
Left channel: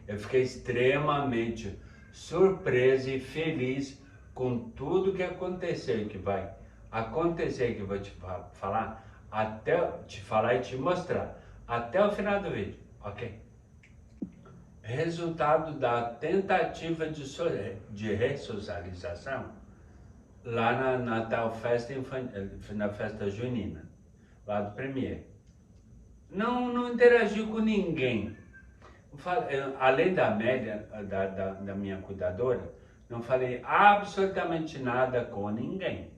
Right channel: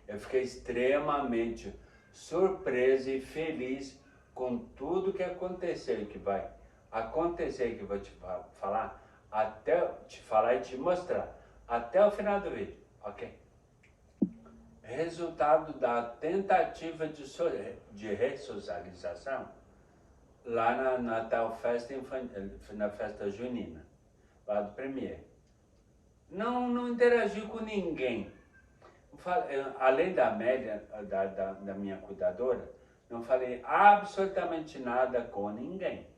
eu fiquei extremamente surpreso e feliz com tudo que aconteceu e que vai acontecer, que eu vou te falar, e te mostrar até o final do vídeo, ok? Resultado da tentativa de ressocialização lá na tal festa na festa junina, lá do Premier. Não interagiu com ninguém. Além da Amélia, da minha cuidadora, não falei absolutamente nada com ninguém.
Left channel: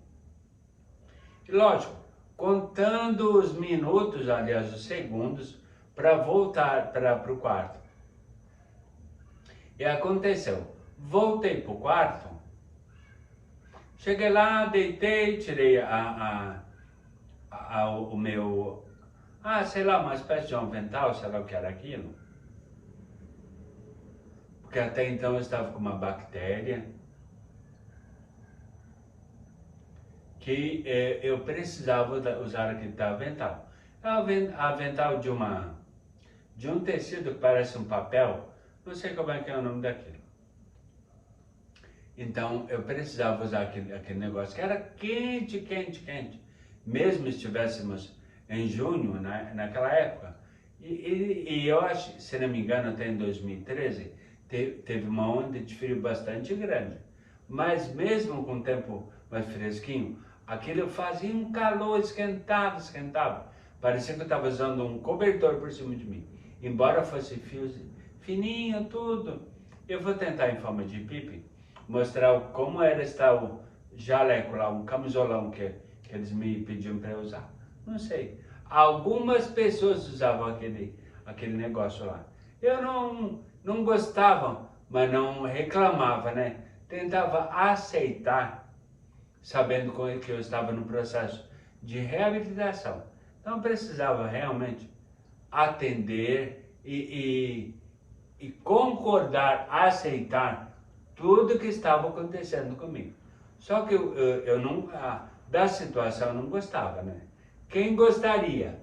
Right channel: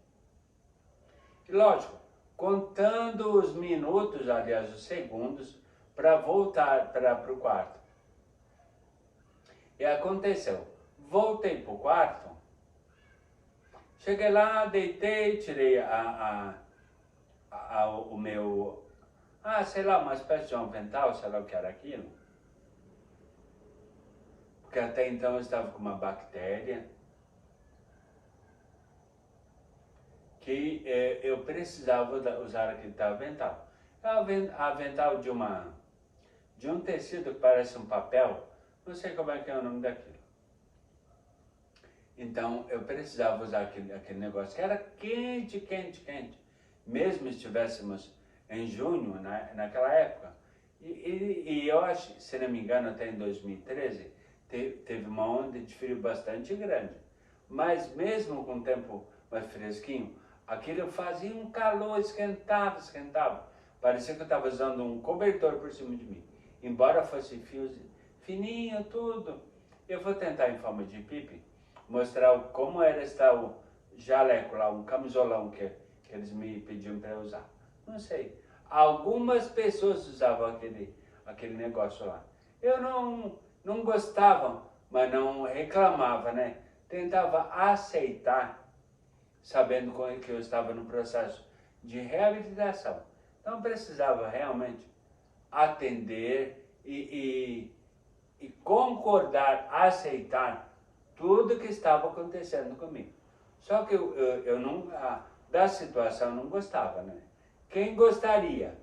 E lógico, contando os minutos, aliás, os segundos, para voltar para o quarto. E aconteceu, voltei para o quarto, cheguei lá, deitei, tirei o meu, sei lá, uma espécie de avental, sei lá o que era aquilo. Porque até então eu estava com uma bactéria que eu precisava usar aquele avental. É um avental de um tecido que parece um papel, não sei como é que é o nome daquilo. Então eu precisava usar aquele negócio que era quente. Mesmo se estivéssemos em junho, naquela época. E eu acho, se não me engano, até em 2013, teve uma onda de frio bastante grande. Mas mesmo com o tempo mais fresquinho, aquilo fazia um calor, esquentava. Parecia que eu estava usando um cobertor por cima de mim. Embora fosse fios fininho, tudo. Eu vou tentar, em forma de pipi, mostrar como era estar o jaleco lá, um camisolão que eles me pediam para usar. Não sei. Algumas pessoas usavam aquele negócio lá. Eu não gostava, mas não reclamava, né? Tentava aceitar, sabendo que eu estava no processo de reabilitação. Então precisava realmente atender e concordar, aceitar tudo que estava acontecendo comigo. Só que eu não, da situação eu não gostava, né? Quem gostaria?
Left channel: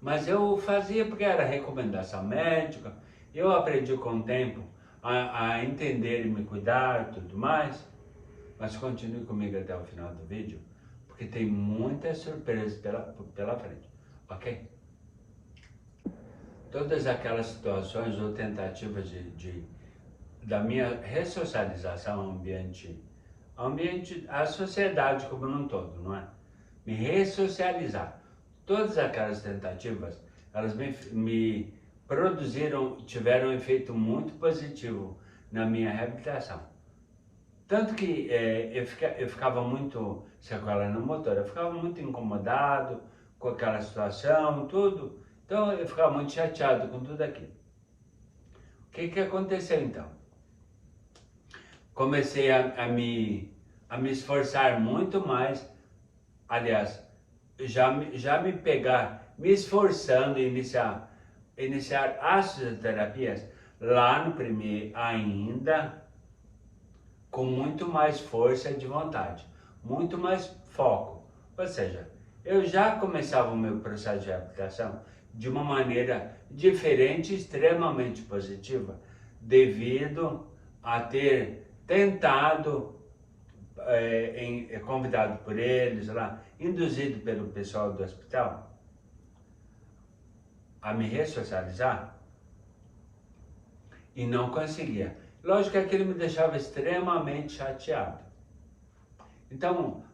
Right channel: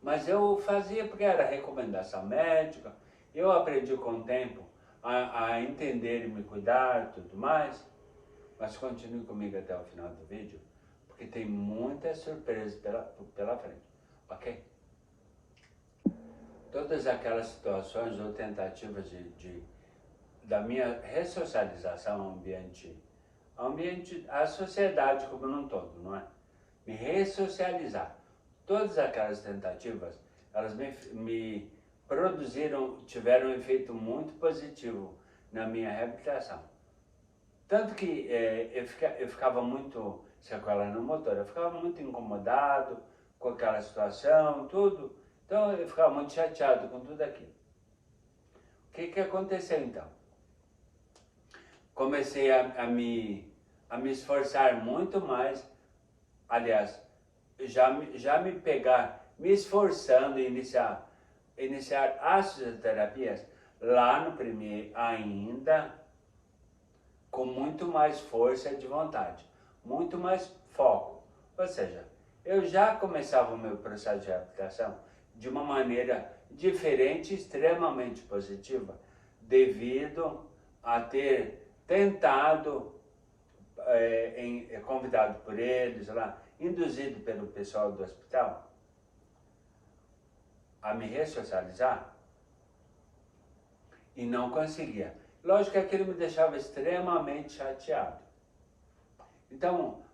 Mas eu fazia porque era recomendação médica, eu aprendi com o tempo a entender e me cuidar e tudo mais. Mas continue comigo até o final do vídeo, porque tem muitas surpresas pela frente, ok? Todas aquelas situações ou tentativas da minha ressocialização ao ambiente, a sociedade como um todo, não é? Me ressocializar. Todas aquelas tentativas, elas me produziram, tiveram um efeito muito positivo na minha reabilitação. Tanto que eu ficava muito sequela no motor, eu ficava muito incomodado com aquela situação, tudo. Então eu ficava muito chateado com tudo aquilo. O que aconteceu então? Comecei a me esforçar muito mais, aliás, já me pegar, me esforçando em iniciar as fisioterapias lá no primeiro ainda, com muito mais força de vontade, muito mais foco. Ou seja, eu já começava o meu processo de reabilitação de uma maneira diferente, extremamente positiva, devido a ter tentado, convidado por eles lá, induzido pelo pessoal do hospital, a me ressocializar e não conseguia. Lógico que aquilo me deixava extremamente chateado. Então,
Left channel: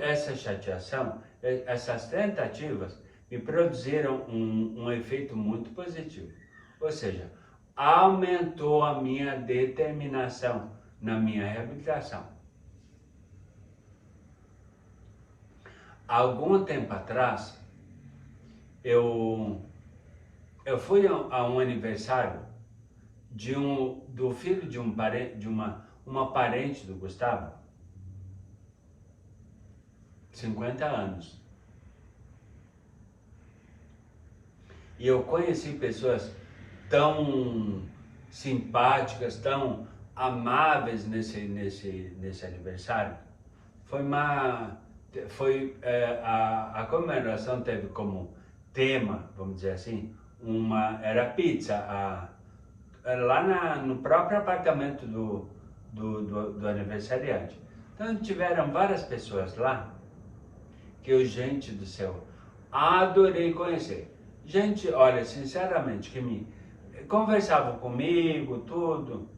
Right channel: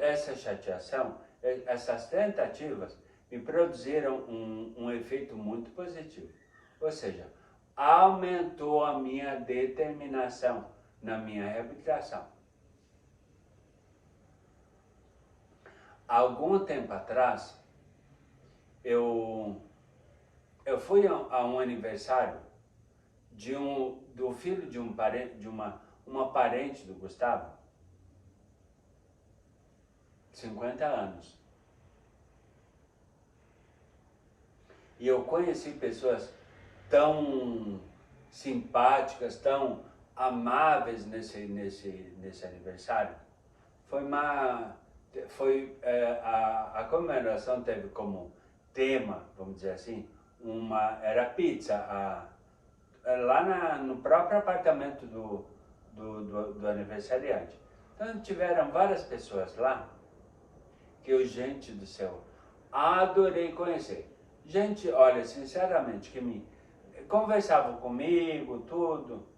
essa chateação, essas tentativas, me produziram um efeito muito positivo. Ou seja, aumentou a minha determinação na minha reabilitação. Algum tempo atrás, eu fui a um aniversário do filho de uma parente do Gustavo, 50 anos. E eu conheci pessoas tão simpáticas, tão amáveis nesse aniversário. A comemoração teve como tema, vamos dizer assim, era pizza, lá no próprio apartamento do aniversariante. Então tiveram várias pessoas lá que gente do céu, adorei conhecer. Gente, olha, sinceramente, que me conversavam comigo, tudo,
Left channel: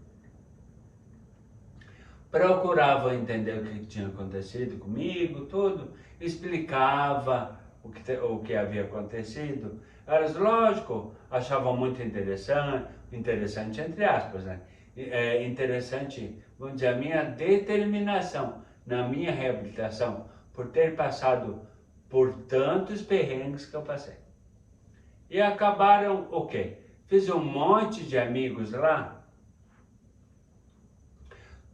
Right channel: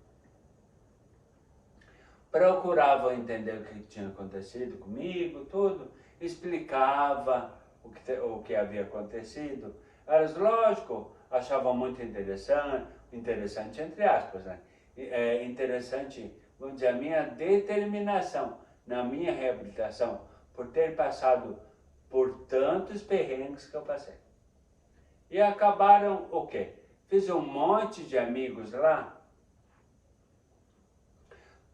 procuravam entender o que tinha acontecido comigo, tudo, explicava o que havia acontecido. Elas, lógico, achavam muito interessante entre aspas, né? Interessante, vamos dizer, a minha determinação na minha reabilitação, por ter passado por tantos perrengues que eu passei. E acabaram o quê? Fiz um monte de amigos lá,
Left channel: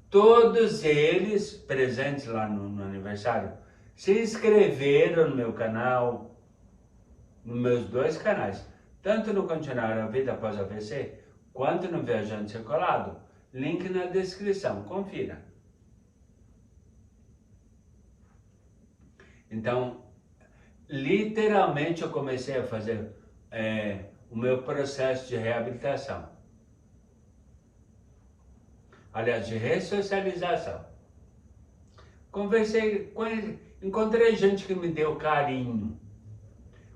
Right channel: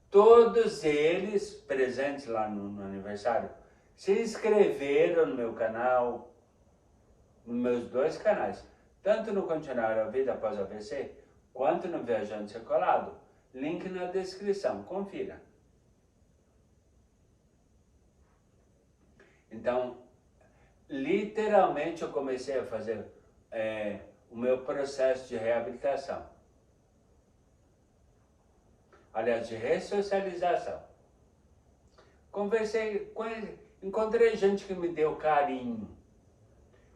todos eles presentes lá no aniversário, se inscreveram no meu canal, nos meus 2 canais, tanto no Continuar a Vida Após o AVC, quanto no Viajante Circulado. Link na descrição, confira. Então, literalmente eu comecei a fazer o meu processo de reabilitação. Aliás, de ressocialização. Conversei com ele, encontrei gente que me deu carinho.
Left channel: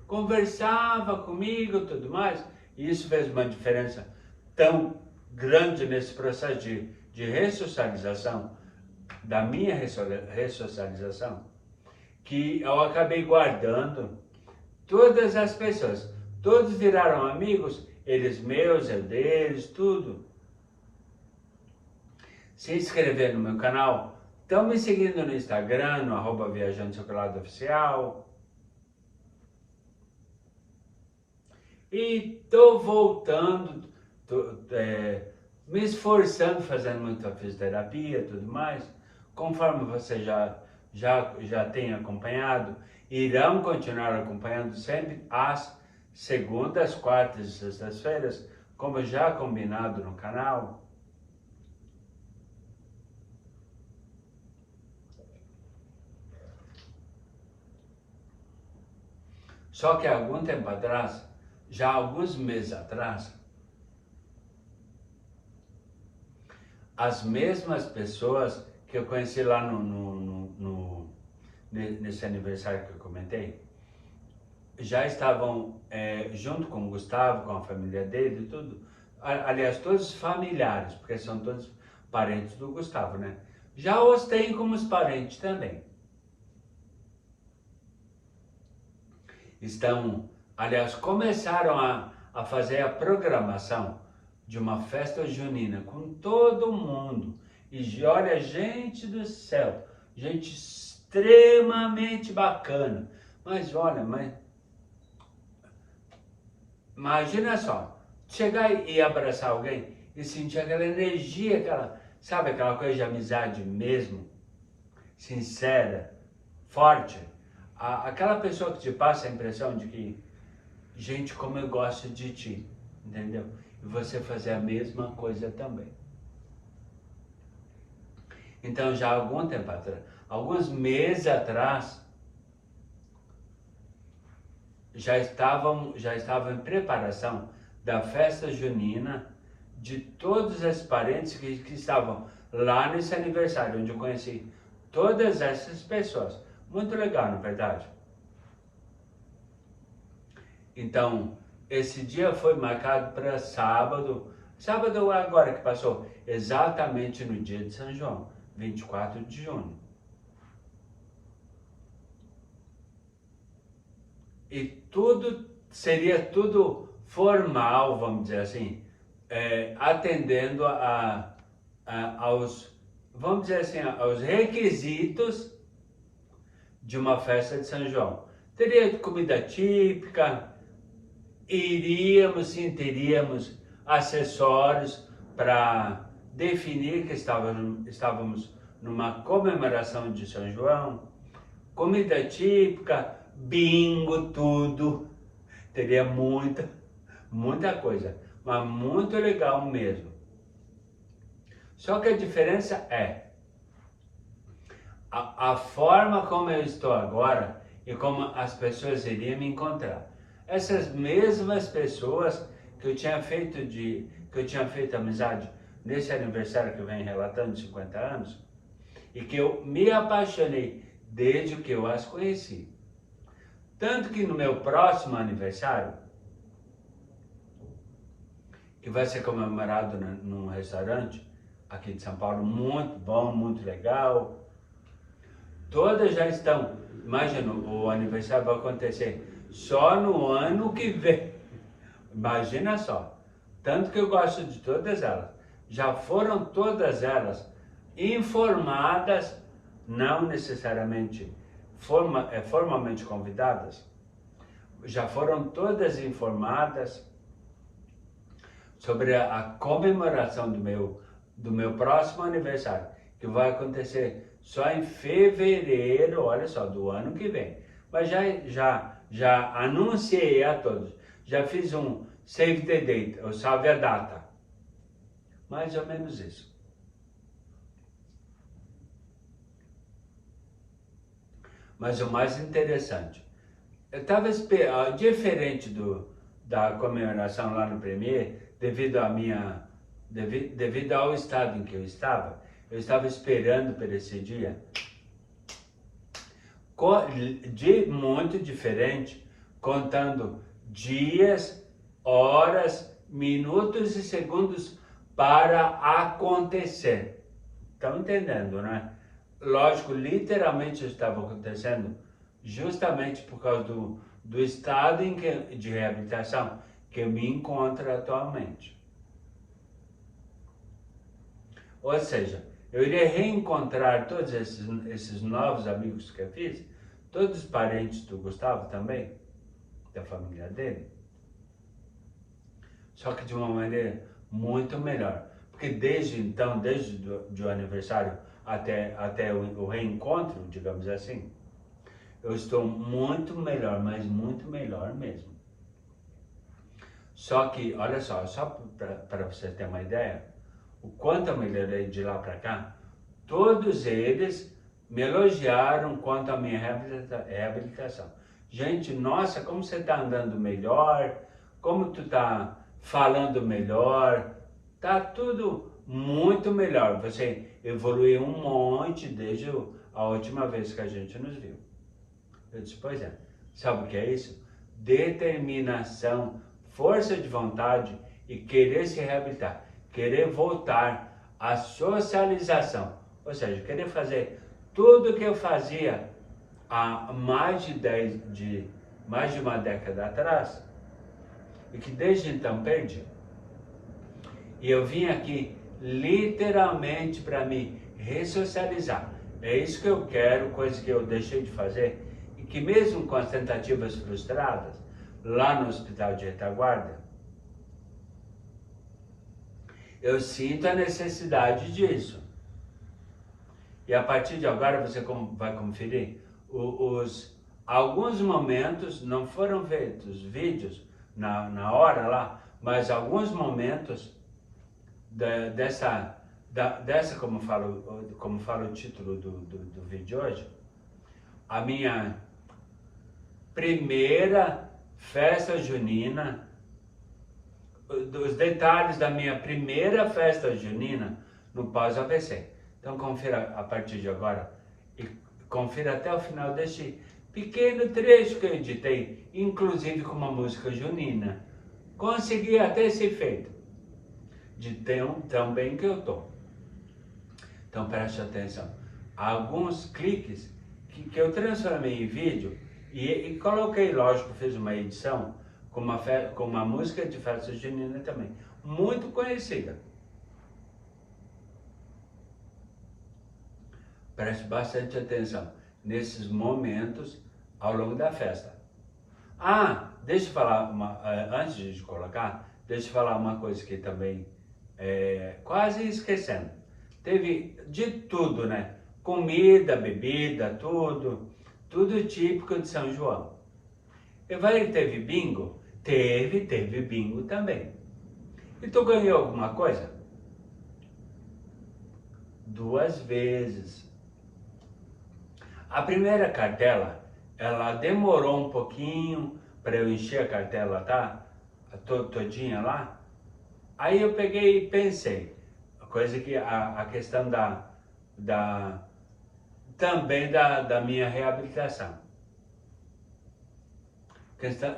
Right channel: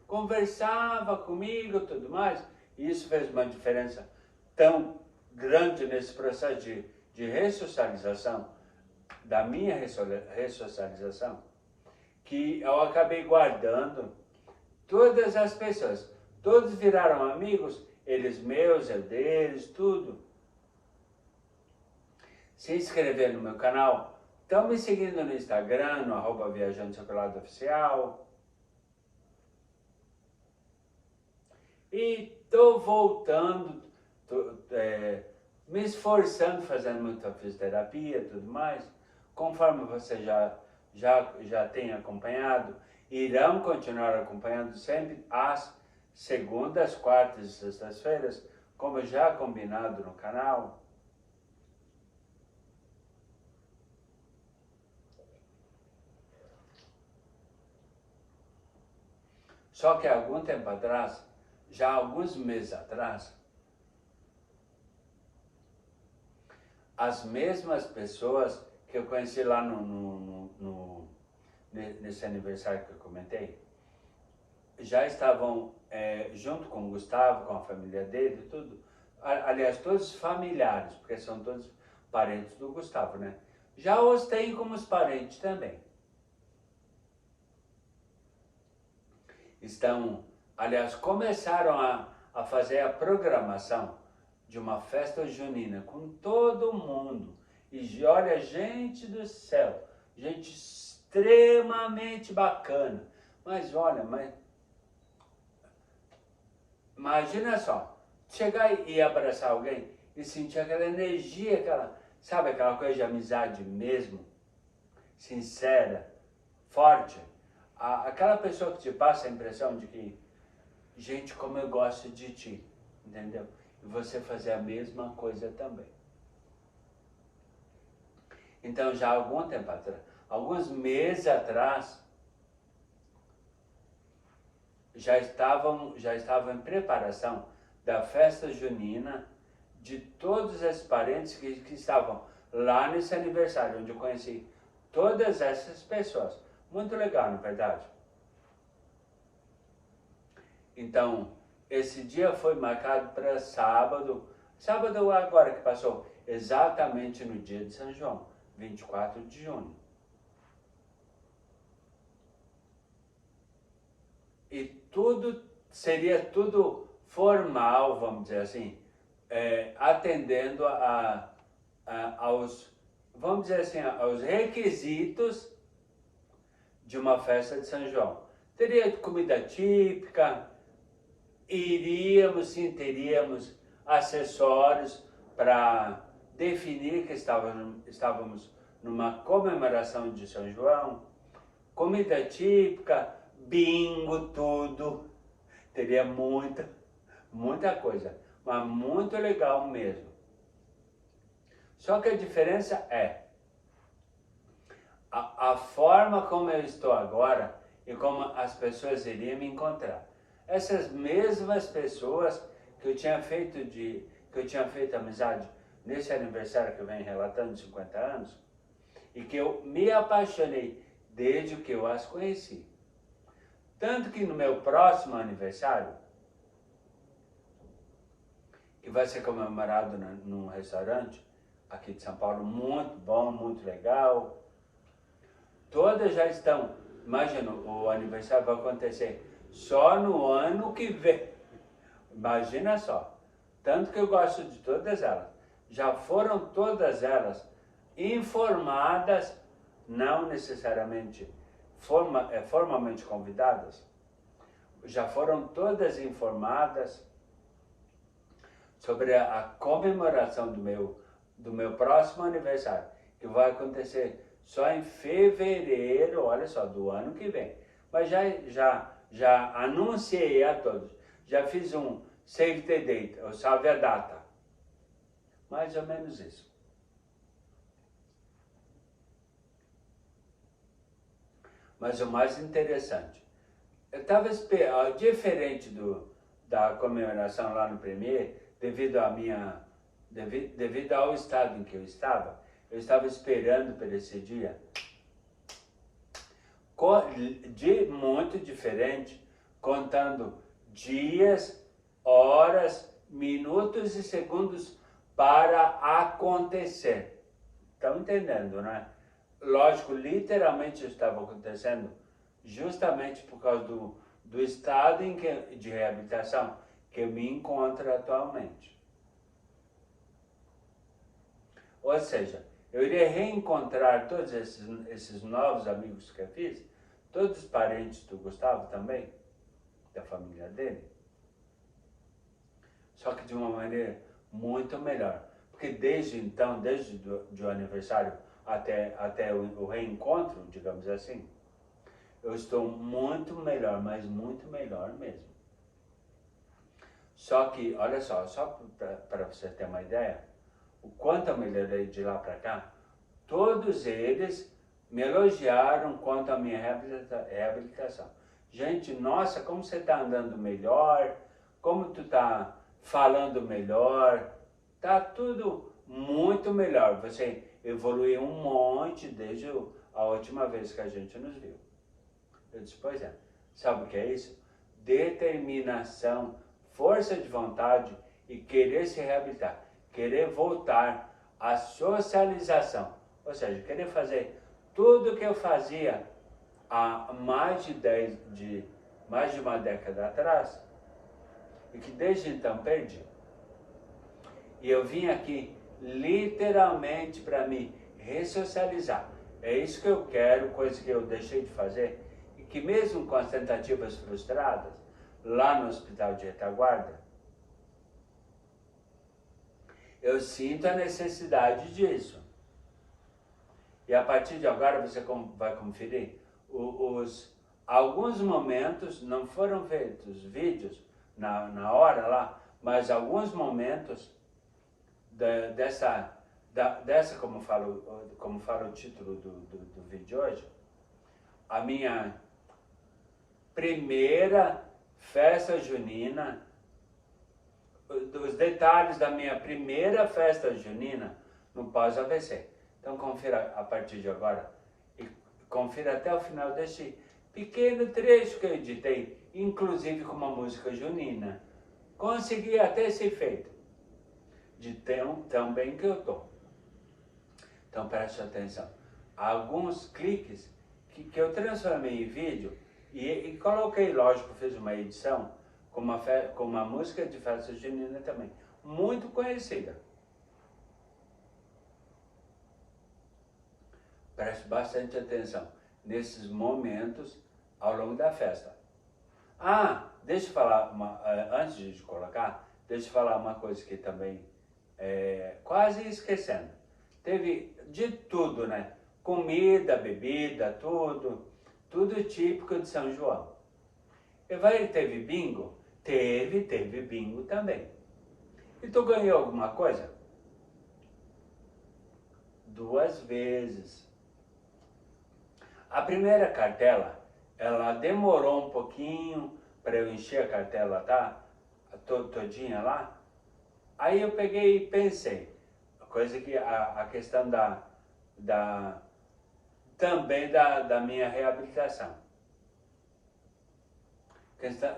Conversava comigo e tudo mais, e isso fez uma diferença tão grande nesse processo de ressocialização, da minha ressocialização, que eu acabei guardando todas as pessoas. Todos viraram amigos, eles meus, eu deles, tudo. Se inscrever no meu canal, estão me seguindo no Instagram, no @Viajante Circulado Oficial. E tô voltando, me esforçando, fazendo muita fisioterapia e tudo mais. Conforme você já tem acompanhado, irão continuar acompanhando sempre às segundas, quartas e sextas-feiras, como já combinado no canal. Só que há algum tempo atrás, já há alguns meses atrás, as mesmas pessoas que eu conheci lá nesse aniversário que eu comentei, já estavam junto com o Gustavo, com a família dele e tudo. Aliás, todos familiares, porque são todos parentes do Gustavo, né? Já os tem como os parentes também. Aliás, começaram a fazer a programação de uma festa junina com todo mundo. E olha, gente do céu, gente extremamente bacana. Mas olha, imagina só, chegar e abraçar alguém e sentir aquela energia, sabe aquela coisa de amizade mesmo, sincera, forte. Aquela pessoa que te passa a impressão de que, gente, como eu gosto de ti, entendeu? E você fazer a mesma coisa também. Então, já há algum tempo atrás, alguns meses atrás, já estavam em preparação da festa junina de todos esses parentes que estavam lá nesse aniversário, onde eu conheci todas essas pessoas. Muito legal, na verdade. Então, esse dia foi marcado para sábado agora que passou, exatamente no dia de São João, 24 de junho. E seria tudo formal, vamos dizer assim, atendendo aos, vamos dizer assim, aos requisitos de uma festa de São João. Teria comida típica, teríamos acessórios para definir que estávamos numa comemoração de São João, comida típica, bingo, tudo. Teria muita coisa, mas muito legal mesmo. Só que a diferença é a forma como eu estou agora e como as pessoas iriam me encontrar. Essas mesmas pessoas que eu tinha feito amizade nesse aniversário que eu venho relatando de 50 anos e que eu me apaixonei desde que eu as conheci. Tanto que no meu próximo aniversário, que vai ser comemorado num restaurante aqui de São Paulo, muito bom, muito legal, todas já estão. Imagina, o aniversário vai acontecer só no ano que vem. Imagina só. Tanto que eu gosto de todas elas. Já foram todas elas informadas, não necessariamente formalmente convidadas. Já foram todas informadas sobre a comemoração do meu próximo aniversário, que vai acontecer só em fevereiro, olha só, do ano que vem. Mas já anunciei a todos, já fiz um save the date, ou salve a data. Mais ou menos isso. Mas o mais interessante, eu estava esperando, diferente da comemoração lá no Premier, devido ao estado em que eu estava esperando por esse dia, muito diferente, contando dias, horas, minutos e segundos para acontecer. Estão entendendo, né? Lógico, literalmente estava acontecendo justamente por causa do estado de reabilitação que eu me encontro atualmente. Ou seja, eu iria reencontrar todos esses novos amigos que eu fiz, todos os parentes do Gustavo também, da família dele, só que de uma maneira muito melhor. Porque desde o aniversário até o reencontro, digamos assim, eu estou muito melhor, mas muito melhor mesmo. Só que, olha só para você ter uma ideia, o quanto eu melhorei de lá para cá, todos eles me elogiaram quanto à minha reabilitação. Gente, nossa, como você está andando melhor, como tu está falando melhor, tá tudo muito melhor. Você evoluiu um monte desde a última vez que a gente nos viu. Eu disse, pois é, sabe o que é isso? Determinação, força de vontade e querer se reabilitar, querer voltar à socialização Ou seja, eu queria fazer tudo o que eu fazia há mais de uma década atrás, e que desde então perdi. E eu vim aqui literalmente para me ressocializar. É isso que eu quero, coisa que eu deixei de fazer, e que mesmo com as tentativas frustradas, lá no hospital de retaguarda, eu sinto a necessidade disso. E a partir de agora você vai conferir alguns momentos, não foram feitos vídeos na hora lá, mas alguns momentos dessa como fala o título do vídeo de hoje, a minha primeira festa junina, os detalhes da minha primeira festa junina no pós-AVC. Então confira a partir de agora e confira até o final deste pequeno trecho que eu editei, inclusive com uma música junina. Consegui até esse efeito de tão bem que eu tô. Então preste atenção. Alguns cliques que eu transformei em vídeo e coloquei, lógico, fiz uma edição com uma música de festa junina também, muito conhecida. Preste bastante atenção nesses momentos ao longo da festa. Ah, deixa eu falar, antes de colocar, deixa eu falar uma coisa que também, quase esquecendo. Teve de tudo, né? Comida, bebida, tudo típico de São João. E vai, teve bingo? Teve bingo também. E tu ganhou alguma coisa? 2 vezes. A primeira cartela, ela demorou um pouquinho para eu encher a cartela, tá? Todinha lá. Aí eu peguei e pensei, coisa que a questão também da minha reabilitação.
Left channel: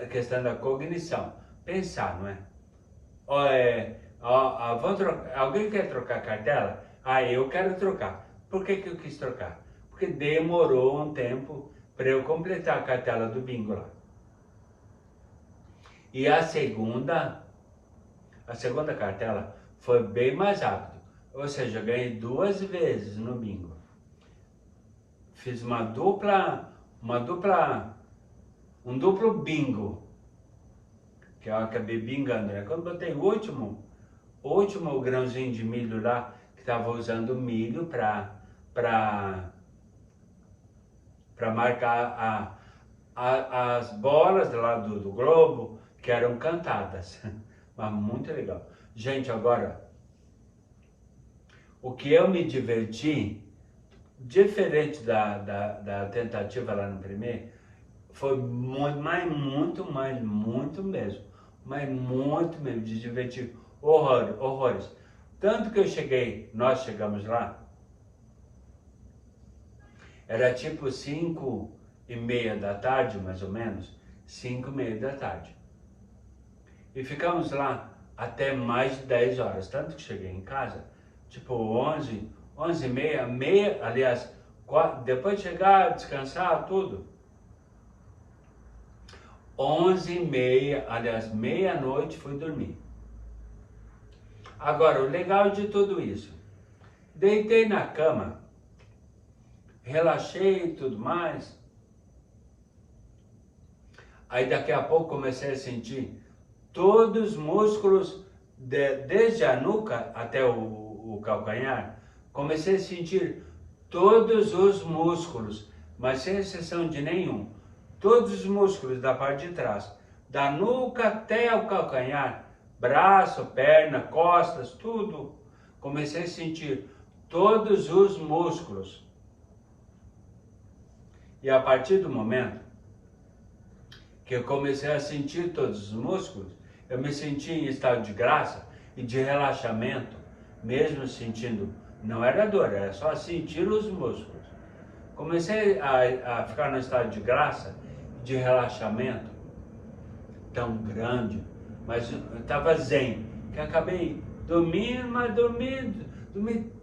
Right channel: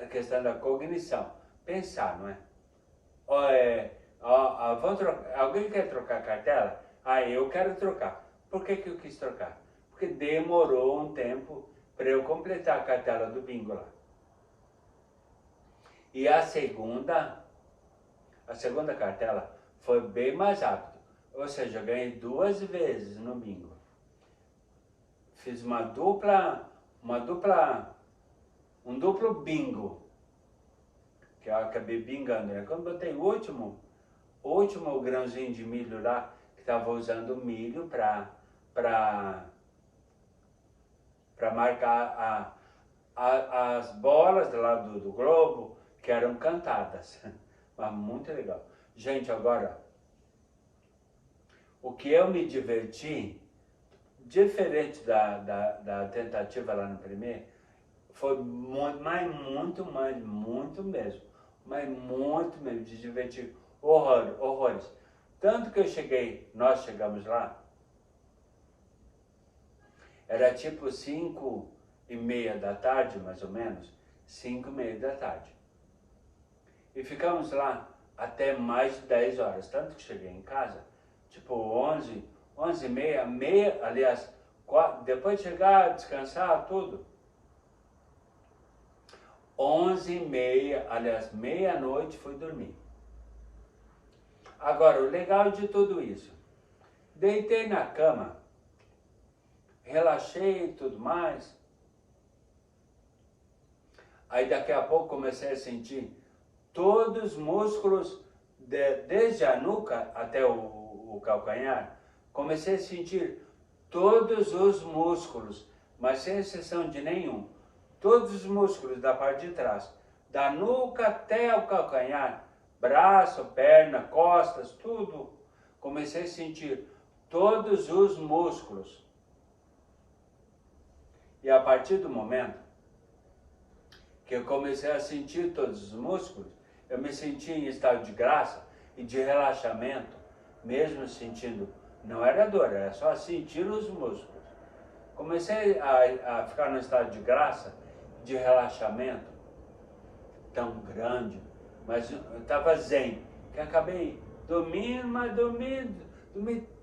Questão da cognição. Pensar, não é? Alguém quer trocar cartela? Ah, eu quero trocar. Por que eu quis trocar? Porque demorou um tempo para eu completar a cartela do bingo lá. E a segunda cartela foi bem mais rápido. Ou seja, eu ganhei 2 vezes no bingo. Fiz um duplo bingo. Que eu acabei bingando, né? Quando botei o último grãozinho de milho lá, que estava usando milho para marcar as bolas lá do globo, que eram cantadas. Mas muito legal. Gente, agora, o que eu me diverti, diferente da tentativa lá no primeiro, foi muito mesmo, de divertir horrores. Tanto que nós chegamos lá, era tipo 5:30 da tarde, mais ou menos, 5:30 da tarde. E ficamos lá até mais de 10 horas, tanto que cheguei em casa, tipo 11:30, aliás, depois de chegar, descansar, tudo, 11:30, aliás, meia-noite fui dormir. Agora, o legal de tudo isso, deitei na cama, relaxei e tudo mais, aí daqui a pouco comecei a sentir todos os músculos, desde a nuca até o calcanhar, comecei a sentir todos os músculos, mas sem exceção de nenhum. Todos os músculos da parte de trás, da nuca até o calcanhar, braço, perna, costas, tudo. Comecei a sentir todos os músculos. E a partir do momento que eu comecei a sentir todos os músculos, eu me senti em estado de graça e de relaxamento, mesmo sentindo, não era dor, era só sentir os músculos. Comecei a ficar no estado de graça, de relaxamento tão grande, mas eu estava zen, que acabei dormindo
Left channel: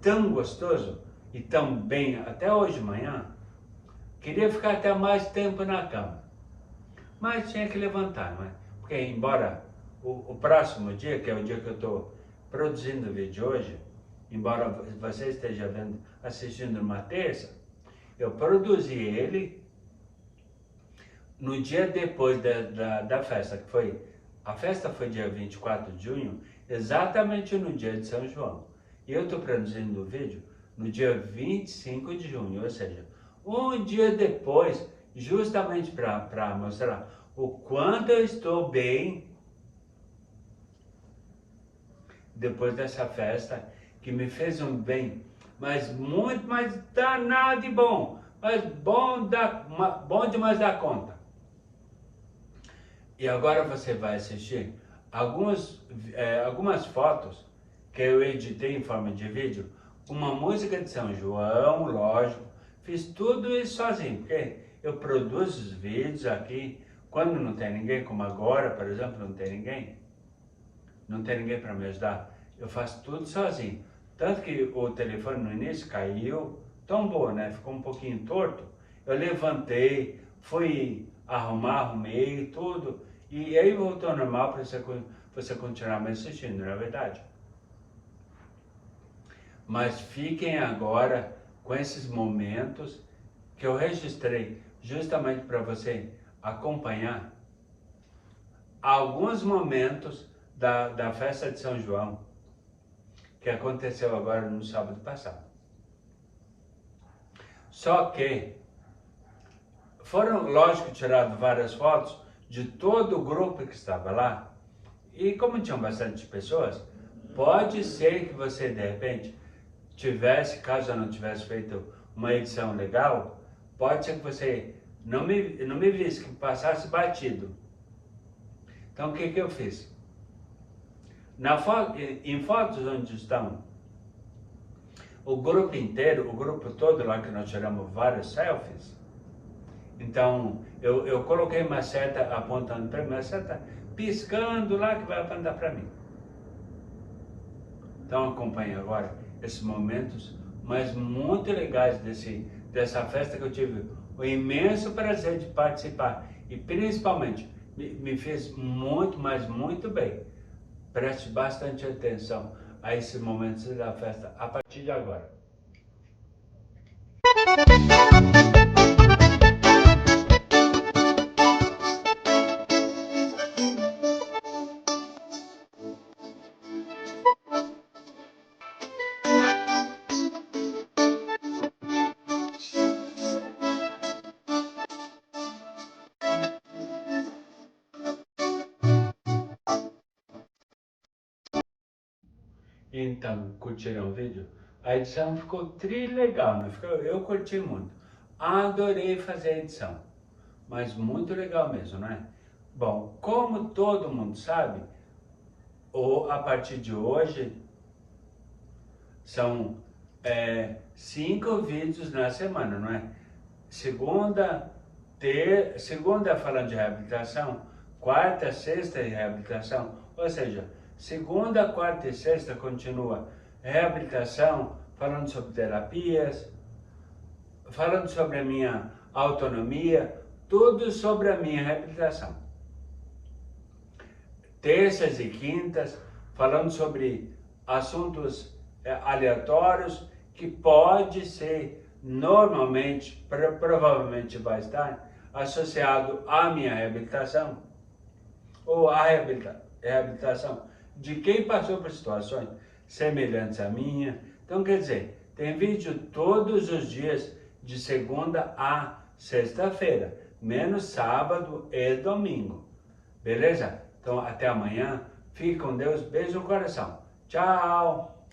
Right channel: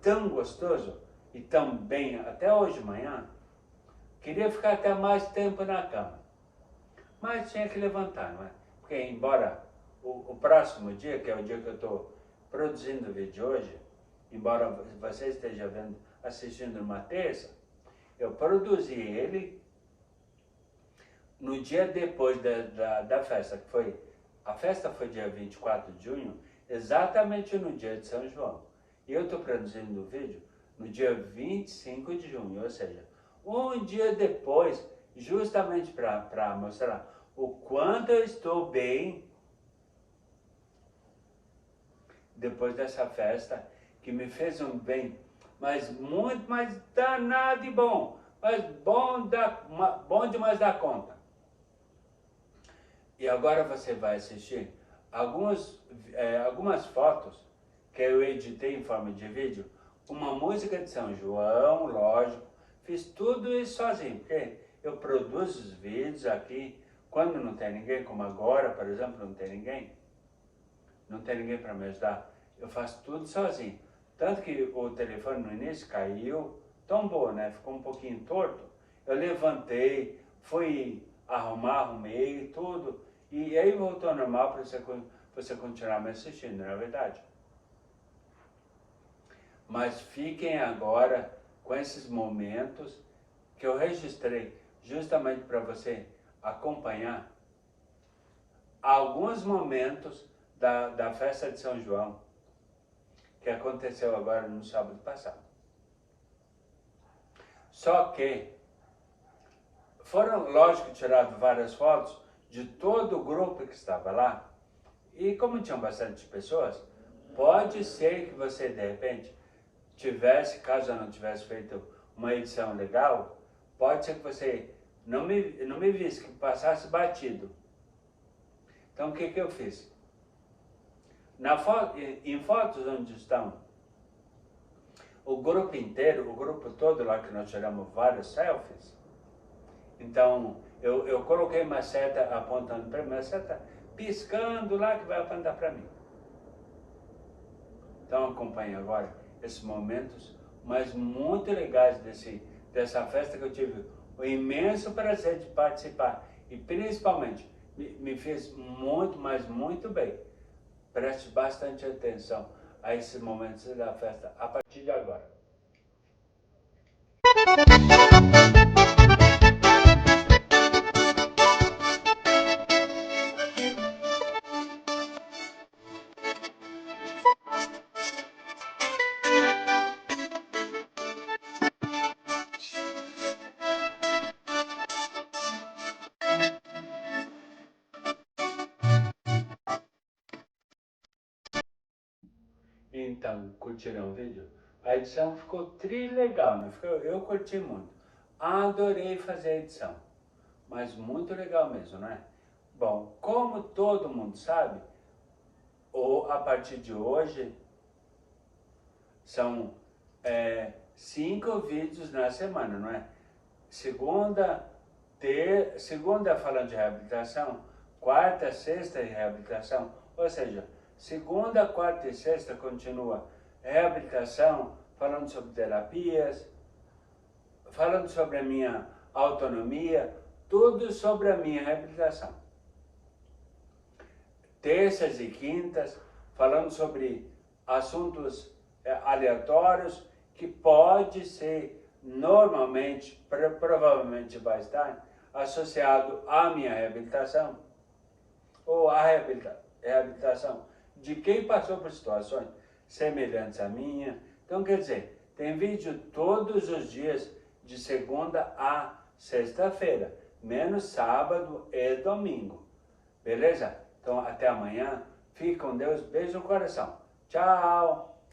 tão gostoso, e também até hoje de manhã, queria ficar até mais tempo na cama. Mas tinha que levantar, não é? Porque embora o próximo dia, que é o dia que eu estou produzindo o vídeo hoje, embora você esteja assistindo numa terça, eu produzi ele no dia depois da festa, que foi, a festa foi dia 24 de junho, exatamente no dia de São João. E eu estou produzindo o vídeo no dia 25 de junho, ou seja, um dia depois, justamente para mostrar o quanto eu estou bem depois dessa festa, que me fez um bem, mas muito mais danado e bom, mas bom demais da conta. E agora você vai assistir algumas fotos que eu editei em forma de vídeo, uma música de São João, lógico, fiz tudo isso sozinho, porque eu produzo os vídeos aqui, quando não tem ninguém, como agora, por exemplo, não tem ninguém para me ajudar, eu faço tudo sozinho. Tanto que o telefone no início caiu, tombou, né? Ficou um pouquinho torto. Eu levantei, fui arrumei tudo, e aí voltou ao normal para você continuar me assistindo, não é verdade? Mas fiquem agora com esses momentos que eu registrei justamente para você acompanhar alguns momentos da festa de São João que aconteceu agora no sábado passado. Só que foram, lógico, tiradas várias fotos de todo o grupo que estava lá, e como tinham bastante pessoas, pode ser que você, de repente, caso eu não tivesse feito uma edição legal, pode ser que você não me visse, que passasse batido. Então, o que eu fiz? Em fotos onde estão o grupo inteiro, o grupo todo lá, que nós tiramos vários selfies, então eu coloquei uma seta apontando para mim, uma seta piscando lá que vai apontar para mim. Então acompanhe agora esses momentos, mas muito legais dessa festa que eu tive o imenso prazer de participar, e principalmente me fez muito, mas muito bem. Preste bastante atenção a esses momentos da festa a partir de agora. Então, curtiram o vídeo? A edição ficou legal, né? Eu curti muito. Adorei fazer a edição, mas muito legal mesmo, né? Bom, como todo mundo sabe, a partir de hoje são 5 vídeos na semana, não é? Segunda falando de reabilitação, quarta, sexta de reabilitação, ou seja, segunda, quarta e sexta continua reabilitação, falando sobre terapias, falando sobre a minha autonomia, tudo sobre a minha reabilitação. Terças e quintas, falando sobre assuntos aleatórios que pode ser, normalmente, provavelmente vai estar associado à minha reabilitação, ou à reabilitação de quem passou por situações semelhantes à minha. Então, quer dizer, tem vídeo todos os dias, de segunda a sexta-feira, menos sábado e domingo. Beleza? Então, até amanhã. Fique com Deus. Beijo no coração. Tchau!